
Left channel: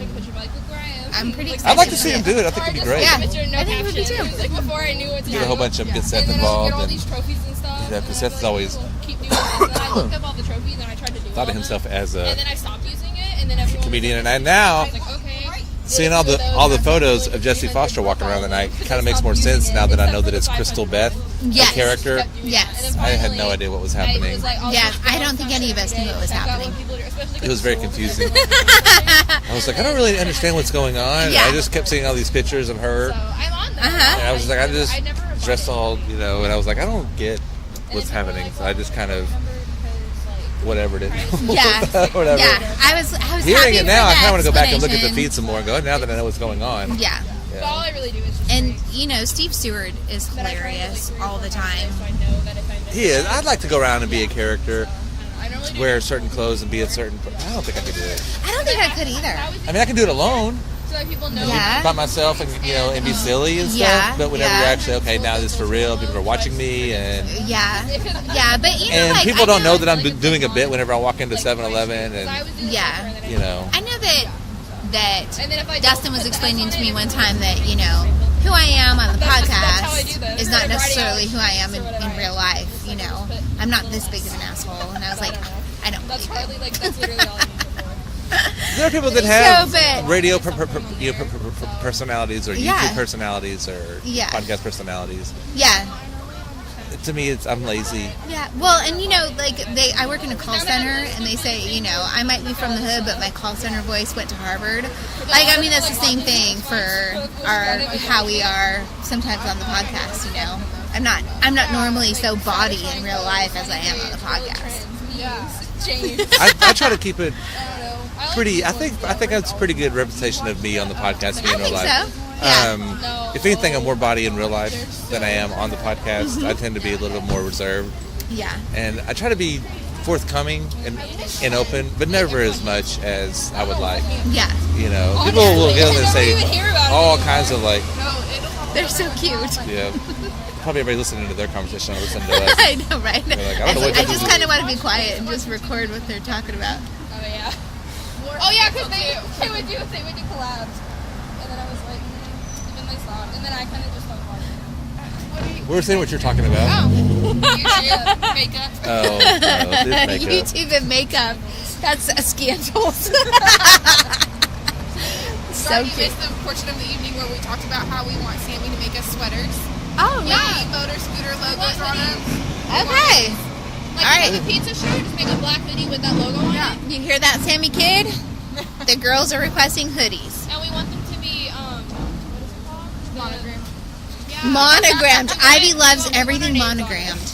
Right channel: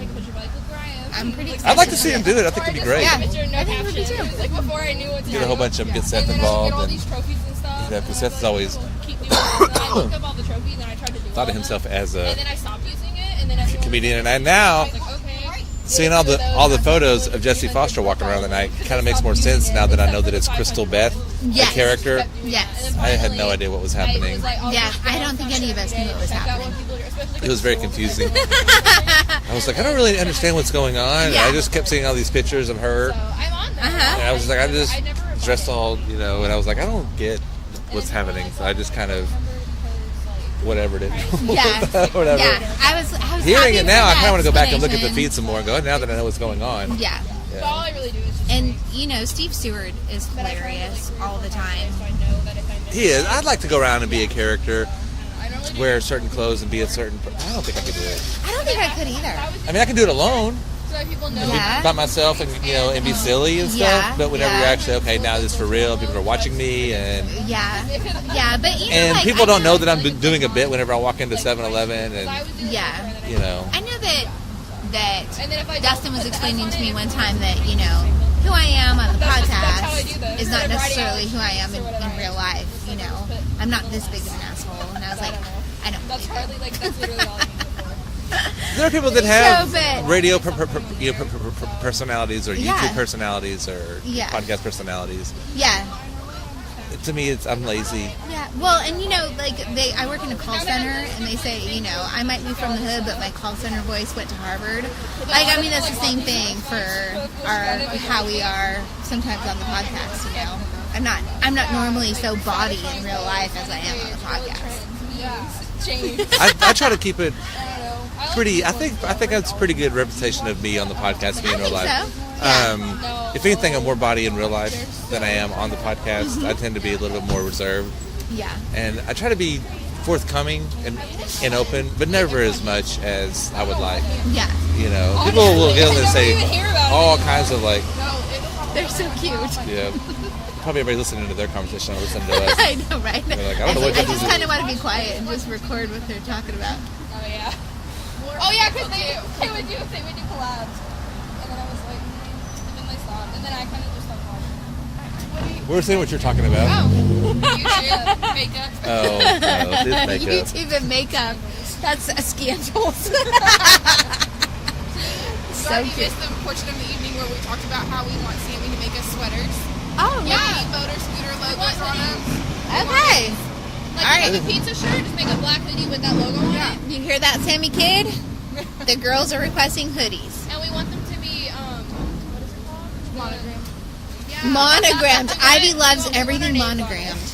I'm pretty excited. I'd like to see him do it. I think it'd be great. Yeah, I think it would be too. Like before I knew what to Get a whole bunch of them, get Seth involved, and because Seth is always thought of himself as a comedian, and now seeing all the photos of Jesse Foster walking around the night kind of makes more sense now that I know that it's Crystal Beth, Yes. the character. Yes. I had no idea what was happening. Yeah, I don't think any of us knew what was happening. It was very confusing. I was like, I don't really understand what's going on. Yeah. I just kept seeing all these pictures of her. And I was just like, I just dressed all, you know, and I was like, I don't get what's happening. So I just kind of whatevered it. Yeah. Whatever. Yeah. I was Hearing happy it now, I for kind of want to go back and look at the explanation. feed some more and go, now that I know what's going on. Yeah. And, you know, Steve Stewart is hilarious all the time. He is. I'd like to go around and be a character, wear certain clothes and be a certain... I don't think I could do it. I don't think I could either. I mean, I can do it alone. And Yeah. be by myself and, you know, and be silly and stuff. Yeah, But whenever yeah. you're actually, okay, now this is for real, people are watching me and... Yeah. Yeah, but, you know, And like, people I don't know know that I'm doing a bit whenever I walk into 7-Eleven and, Yeah. you know... I know that Dustin was explaining to me one time that, you know, who I am on the podcast is not necessarily who I am in real life, you know. I'm not this big of an asshole. And I was like, I don't believe it. There are people that have So, but- radio personalities or YouTube Yeah. personalities or Yeah. podcast personalities. Yeah. To me, I'm lazy. Yeah, well, and you know, like I work in a call center, and they say, you know, I might be from the hood, but my call center voice went to Harvard. Like, I mean, that's the same thing for how we are sometimes on the podcast. You know, I'm not normally so bawdy in real life as I am on the podcast. I try to keep it pretty. I think it's a pretty good reputation of me on the podcast, me in real life. So. If anything, I'm more body in real life than I am on the podcast. I tend to be a little bit more reserved. Yeah. And I try to be forthcoming and open, but never as much as I would like. Yeah. You know, people will get on there and say all kinds of like... They're so cute. Yeah. Probably everybody listening to their conversation or listening to us. I know, right? They're like, I don't know what I this just is. kind of want to be quiet and just record what they're talking about. Oh yeah, because they would do collabs, and then I was like, and then they stopped, and then I kind of just went on. We're saying what you're talking about. YouTube, makeup. Oh, no, it's makeup. YouTube and makeup. That's a scandal. So You cute. missed the portion of the evening where we talked about how we want Sammy to make us sweaters. Oh, Yeah, right. motor scooter logos on them. Okay. Like All right. a pizza shirt, just make a black hoodie with that logo on it. You hear that, Sammy Kid? The girls are requesting hoodies. And we want them to be, what is it called? Monogram. Yeah. Monogrammed. That's Ivy what loves we want our everything names on it. monogrammed.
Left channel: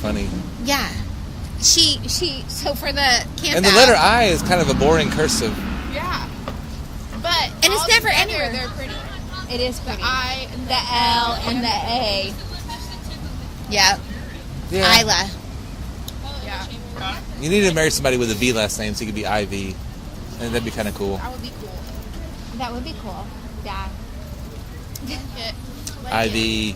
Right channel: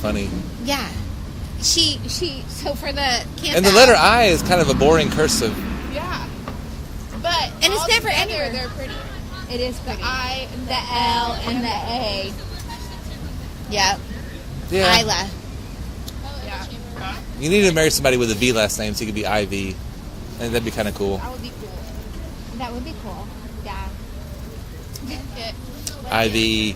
Funny. Yeah. So for the camp And the out- letter I is kind of a boring cursive. Yeah. But And it's all never together, anywhere. They're pretty. It is pretty. The I and The L and the A. Yep. Yeah. Isla. Yeah. You need to marry somebody with a V last name so you could be IV. And that'd be kind of cool. That would be cool. That would be cool. Yeah. IV.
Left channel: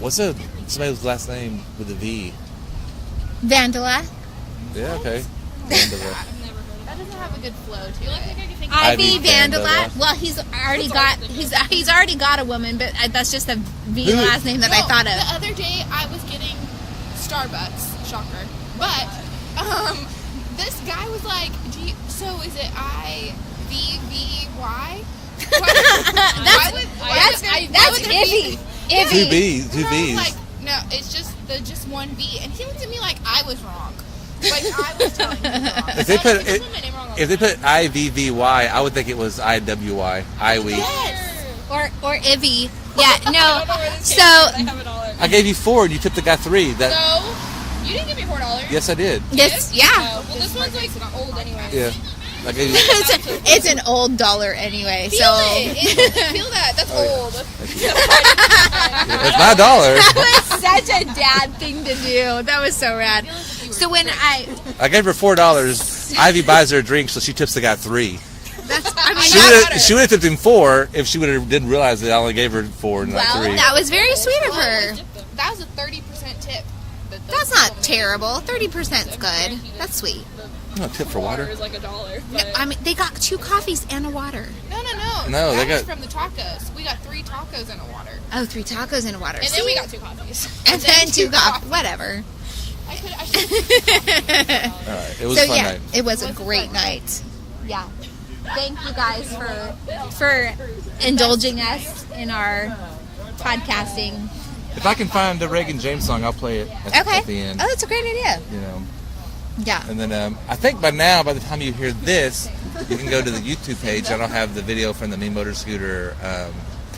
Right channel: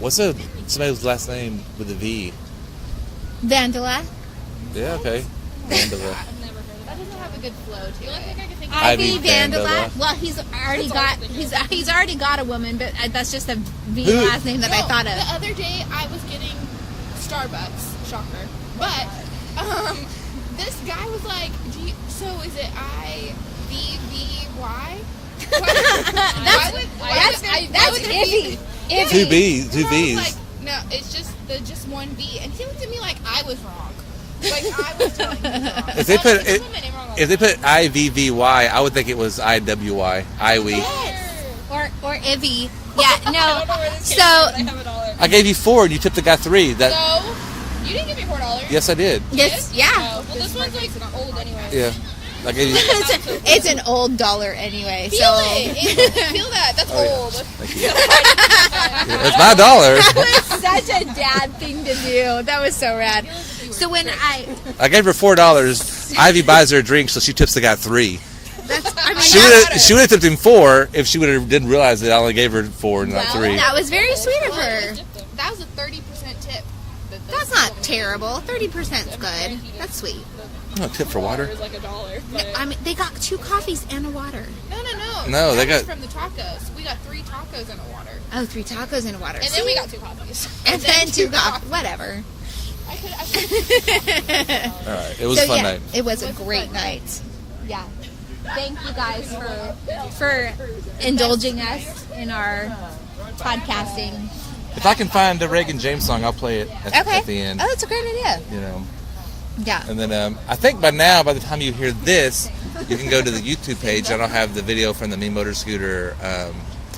What's somebody's last name with a V? Vandala. Yeah, okay. Vandala. That doesn't have a good flow to it. The only thing I can think Ivy Ivy Vandala. Vandala. Well, he's already got a woman, but that's just a V Who- last name that I thought The of. other day I was getting Starbucks, shocker. But this guy was like, so is it IVVY? That's Ivy. Ivy. Two B's. And I was like, no, it's just one V. And he looked at me like I was wrong. Like I was telling you wrong. If they put IVVY, I would think it was IWY. Iwi. Or Ivy. Yeah, no. So I gave you 4 and you tipped the guy 3. That So, you didn't give me $4. Yes, I did. this, yeah. Oh, well, this one's like old anyway. Yeah. I gave you. It's an old dollar anyway. Feel So it. Feel that. That's old. It's my dollar. that was such a dad thing to do. That was so rad. So when I I gave her $4. Ivy buys her a drink, so she tips the guy 3. She would have tipped him 4 if she didn't realize that I only gave her 4 and not 3. that was very sweet of her. That was a 30% tip. That's not terrible. 30% is good. That's sweet. I'm not tip for water. It's like $1. But I mean, they got 2 coffees and a water. no. No, that they was got- from the tacos. We got 3 tacos and a water. Oh, 3 tacos and a water. And then we got 2 coffees. and then 2 coffees. Whatever. I should. All right. It was a So fun yeah, night. it was a great night. Yeah. Thank you guys for indulging us in our podcasting. If I can find the Reagan James song, I'll play it at the end. Oh, that's a great idea. You know. Yeah. And then I think by the time you hear this, you can go to the YouTube page. I don't have the video from the Me Motor Scooter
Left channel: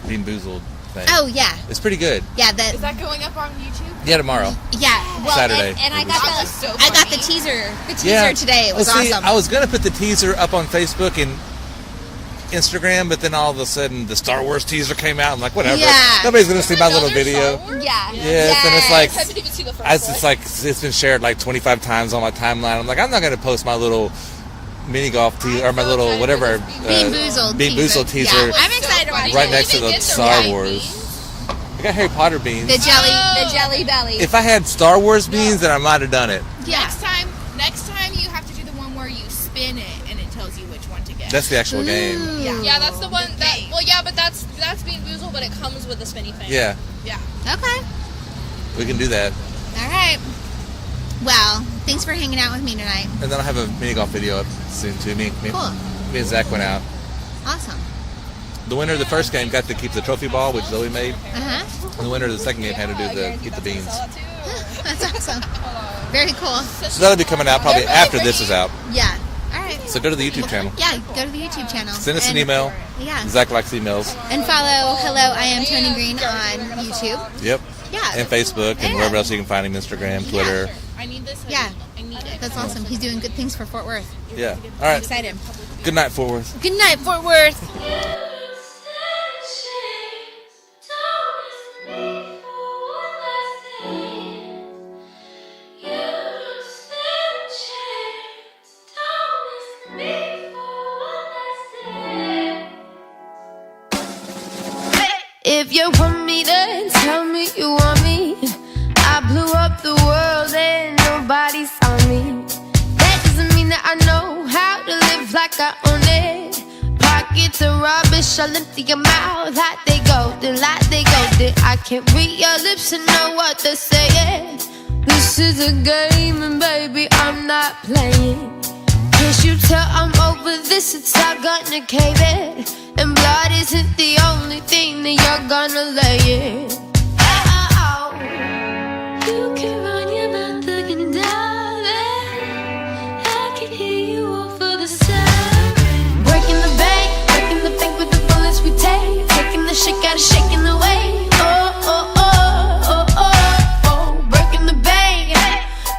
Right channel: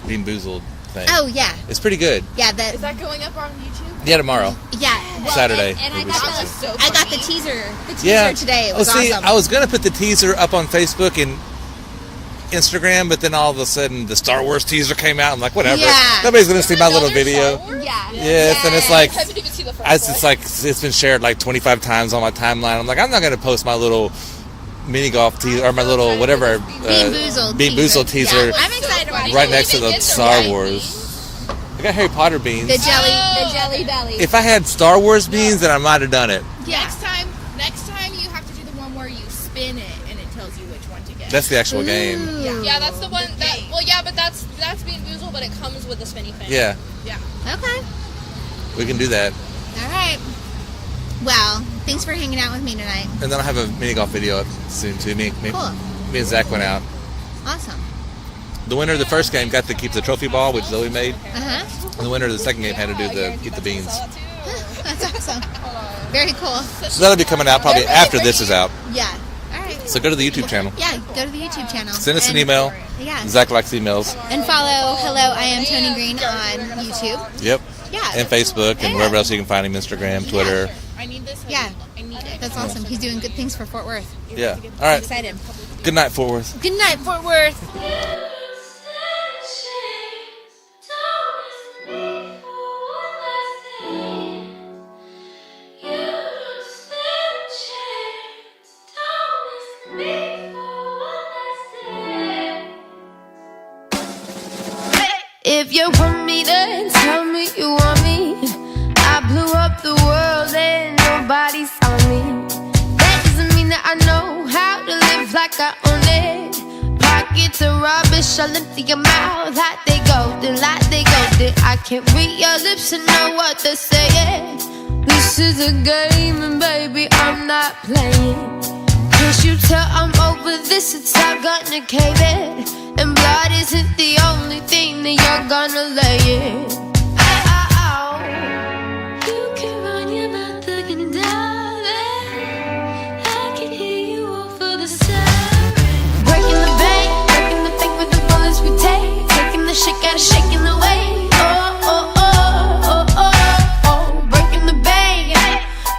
Bean Boozled thing. Oh yeah. It's pretty good. Yeah. Is that going up on YouTube? Yeah, tomorrow. Yeah. Well, Saturday. And I It was got the teaser. The teaser today. It was see, awesome. I was gonna put the teaser up on Facebook and Instagram, but then all of a sudden the Star Wars teaser came out. I'm like, whatever. Yeah. Nobody's gonna see my little video. Yeah. Yes, and it's like I haven't even seen the first it's like it's been shared like 25 times on my timeline. I'm like, I'm not gonna post my little mini golf teaser or my little whatever Bean Boozled Bean Boozled teaser Yeah, I'm excited about it. right next to the Star Wars. I got Harry Potter beans. The jelly belly. If I had Star Wars beans, then I might have done it. Yeah. Next time you have to do the one where you spin it and it tells you which one to get. That's the actual game. Yeah, that's the one that. Well, yeah, but that's Bean Boozled, but it comes with the spinny thing. Yeah, Okay. we can do that. All right. Well, thanks for hanging out with me tonight. And then I'll have a mini golf video up soon too. Me Cool. and Zach went out. Awesome. The winner of the first game got to keep the trophy ball, which Zoe made. Uh-huh. And the winner of the second game had to keep the beans. That's awesome. Very cool. So that'll be coming out probably after this is out. Yeah. All right. So go to the YouTube channel. Yeah, go to the YouTube channel. Send us an And- email. Yeah. Zach likes emails. And follow Hello, I Am Tony Green on YouTube. Yep. Yeah. And Facebook and Yeah. wherever else you can find him, Instagram, Twitter. I need this. Yeah. I need it. That's awesome. He's doing good things for Fort Worth. Yeah. All I'm right. excited. Good night, Fort Worth. Good night, Fort Worth. If you want me, then tell me you want me. I blew up the world and nobody saw me. That doesn't mean that I know how to live like I own it. Pockets of rubbish, I'll empty your mouth. Like they golden, like they golden. I can't read your lips and know what they're saying. This is a game and baby, I'm not playing. Can't you tell I'm over this? It's all gonna cave in. And blood isn't the only thing that you're gonna lay in. You can run your mouth looking down. I can hear you over the siren. Breaking the bank with the bullets we take. Taking the shit out of shaking the way. Oh, oh, oh, oh, oh, oh. Breaking the bank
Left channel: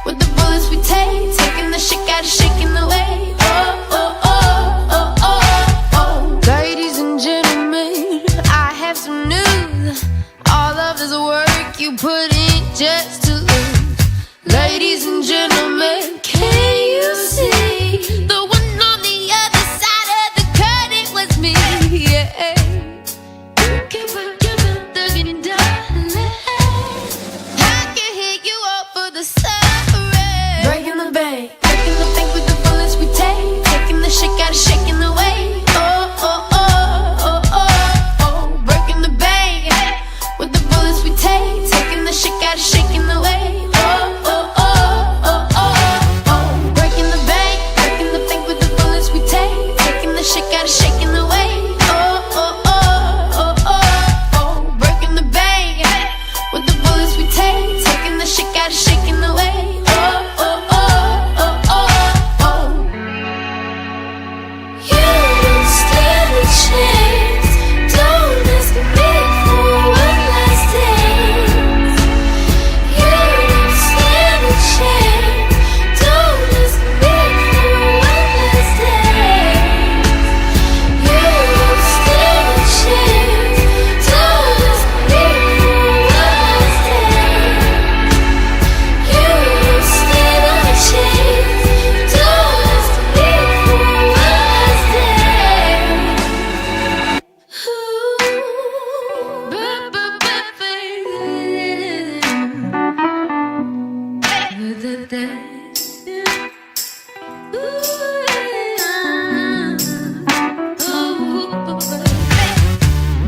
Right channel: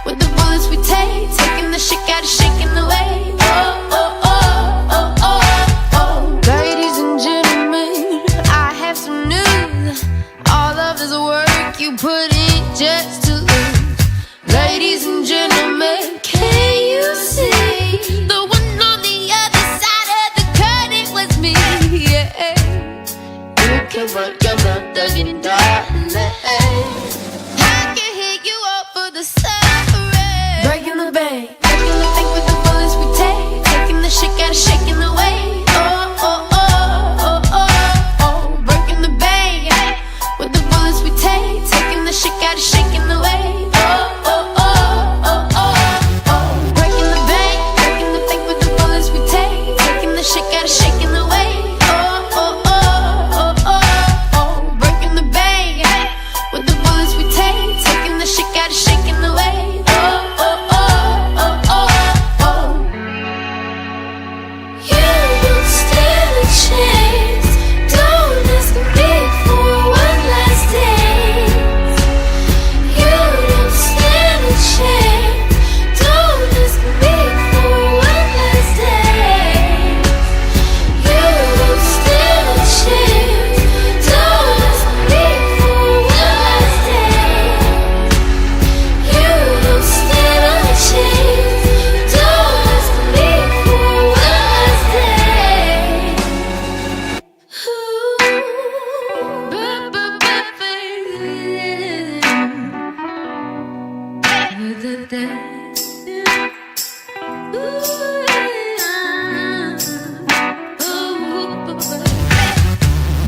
with the bullets we take. Taking the shit out of shaking the way. Oh, oh, oh, oh, oh, oh. Ladies and gentlemen, I have some news. All of this work you put in just to lose. Ladies and gentlemen, can you see the one on the other side of the curtain was me? Yeah, you can put your mouth again, darling. I can hear you over the siren. Breaking the bank with the bullets we take. Taking the shit out of shaking the way. Oh, oh, oh, oh, oh, oh. Breaking the bank with the bullets we take. Taking the shit out of shaking the way. Oh, oh, oh, oh, oh, oh. Breaking the bank with the bullets we take. Taking the shit out of shaking the way. Oh, oh, oh, oh, oh, oh. Breaking the bank with the bullets we take. Taking the shit out of shaking the way. Oh, oh, oh, oh, oh, oh. You don't stand a chance. Don't ask me for one last dance. You don't stand a chance. Don't ask me for one last dance. You don't stand a chance. Don't ask me for one last dance. You don't stand a chance. Don't ask me for one last dance.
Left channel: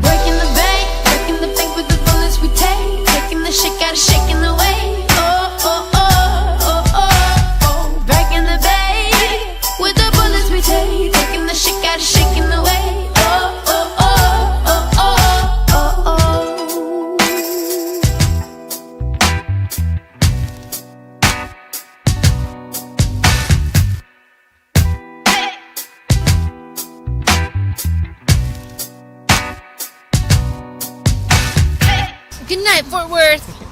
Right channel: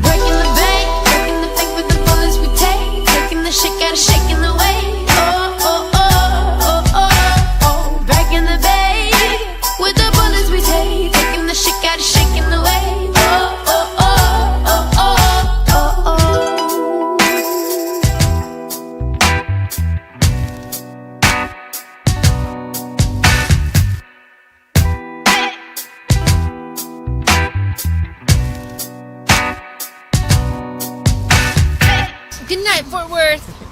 Breaking the bank with the bullets we take. Taking the shit out of shaking the way. Oh, oh, oh, oh, oh, oh. Breaking the bank with the bullets we take. Taking the shit out of shaking the way. Oh, oh, oh, oh, oh, oh, oh. Good night, Fort Worth.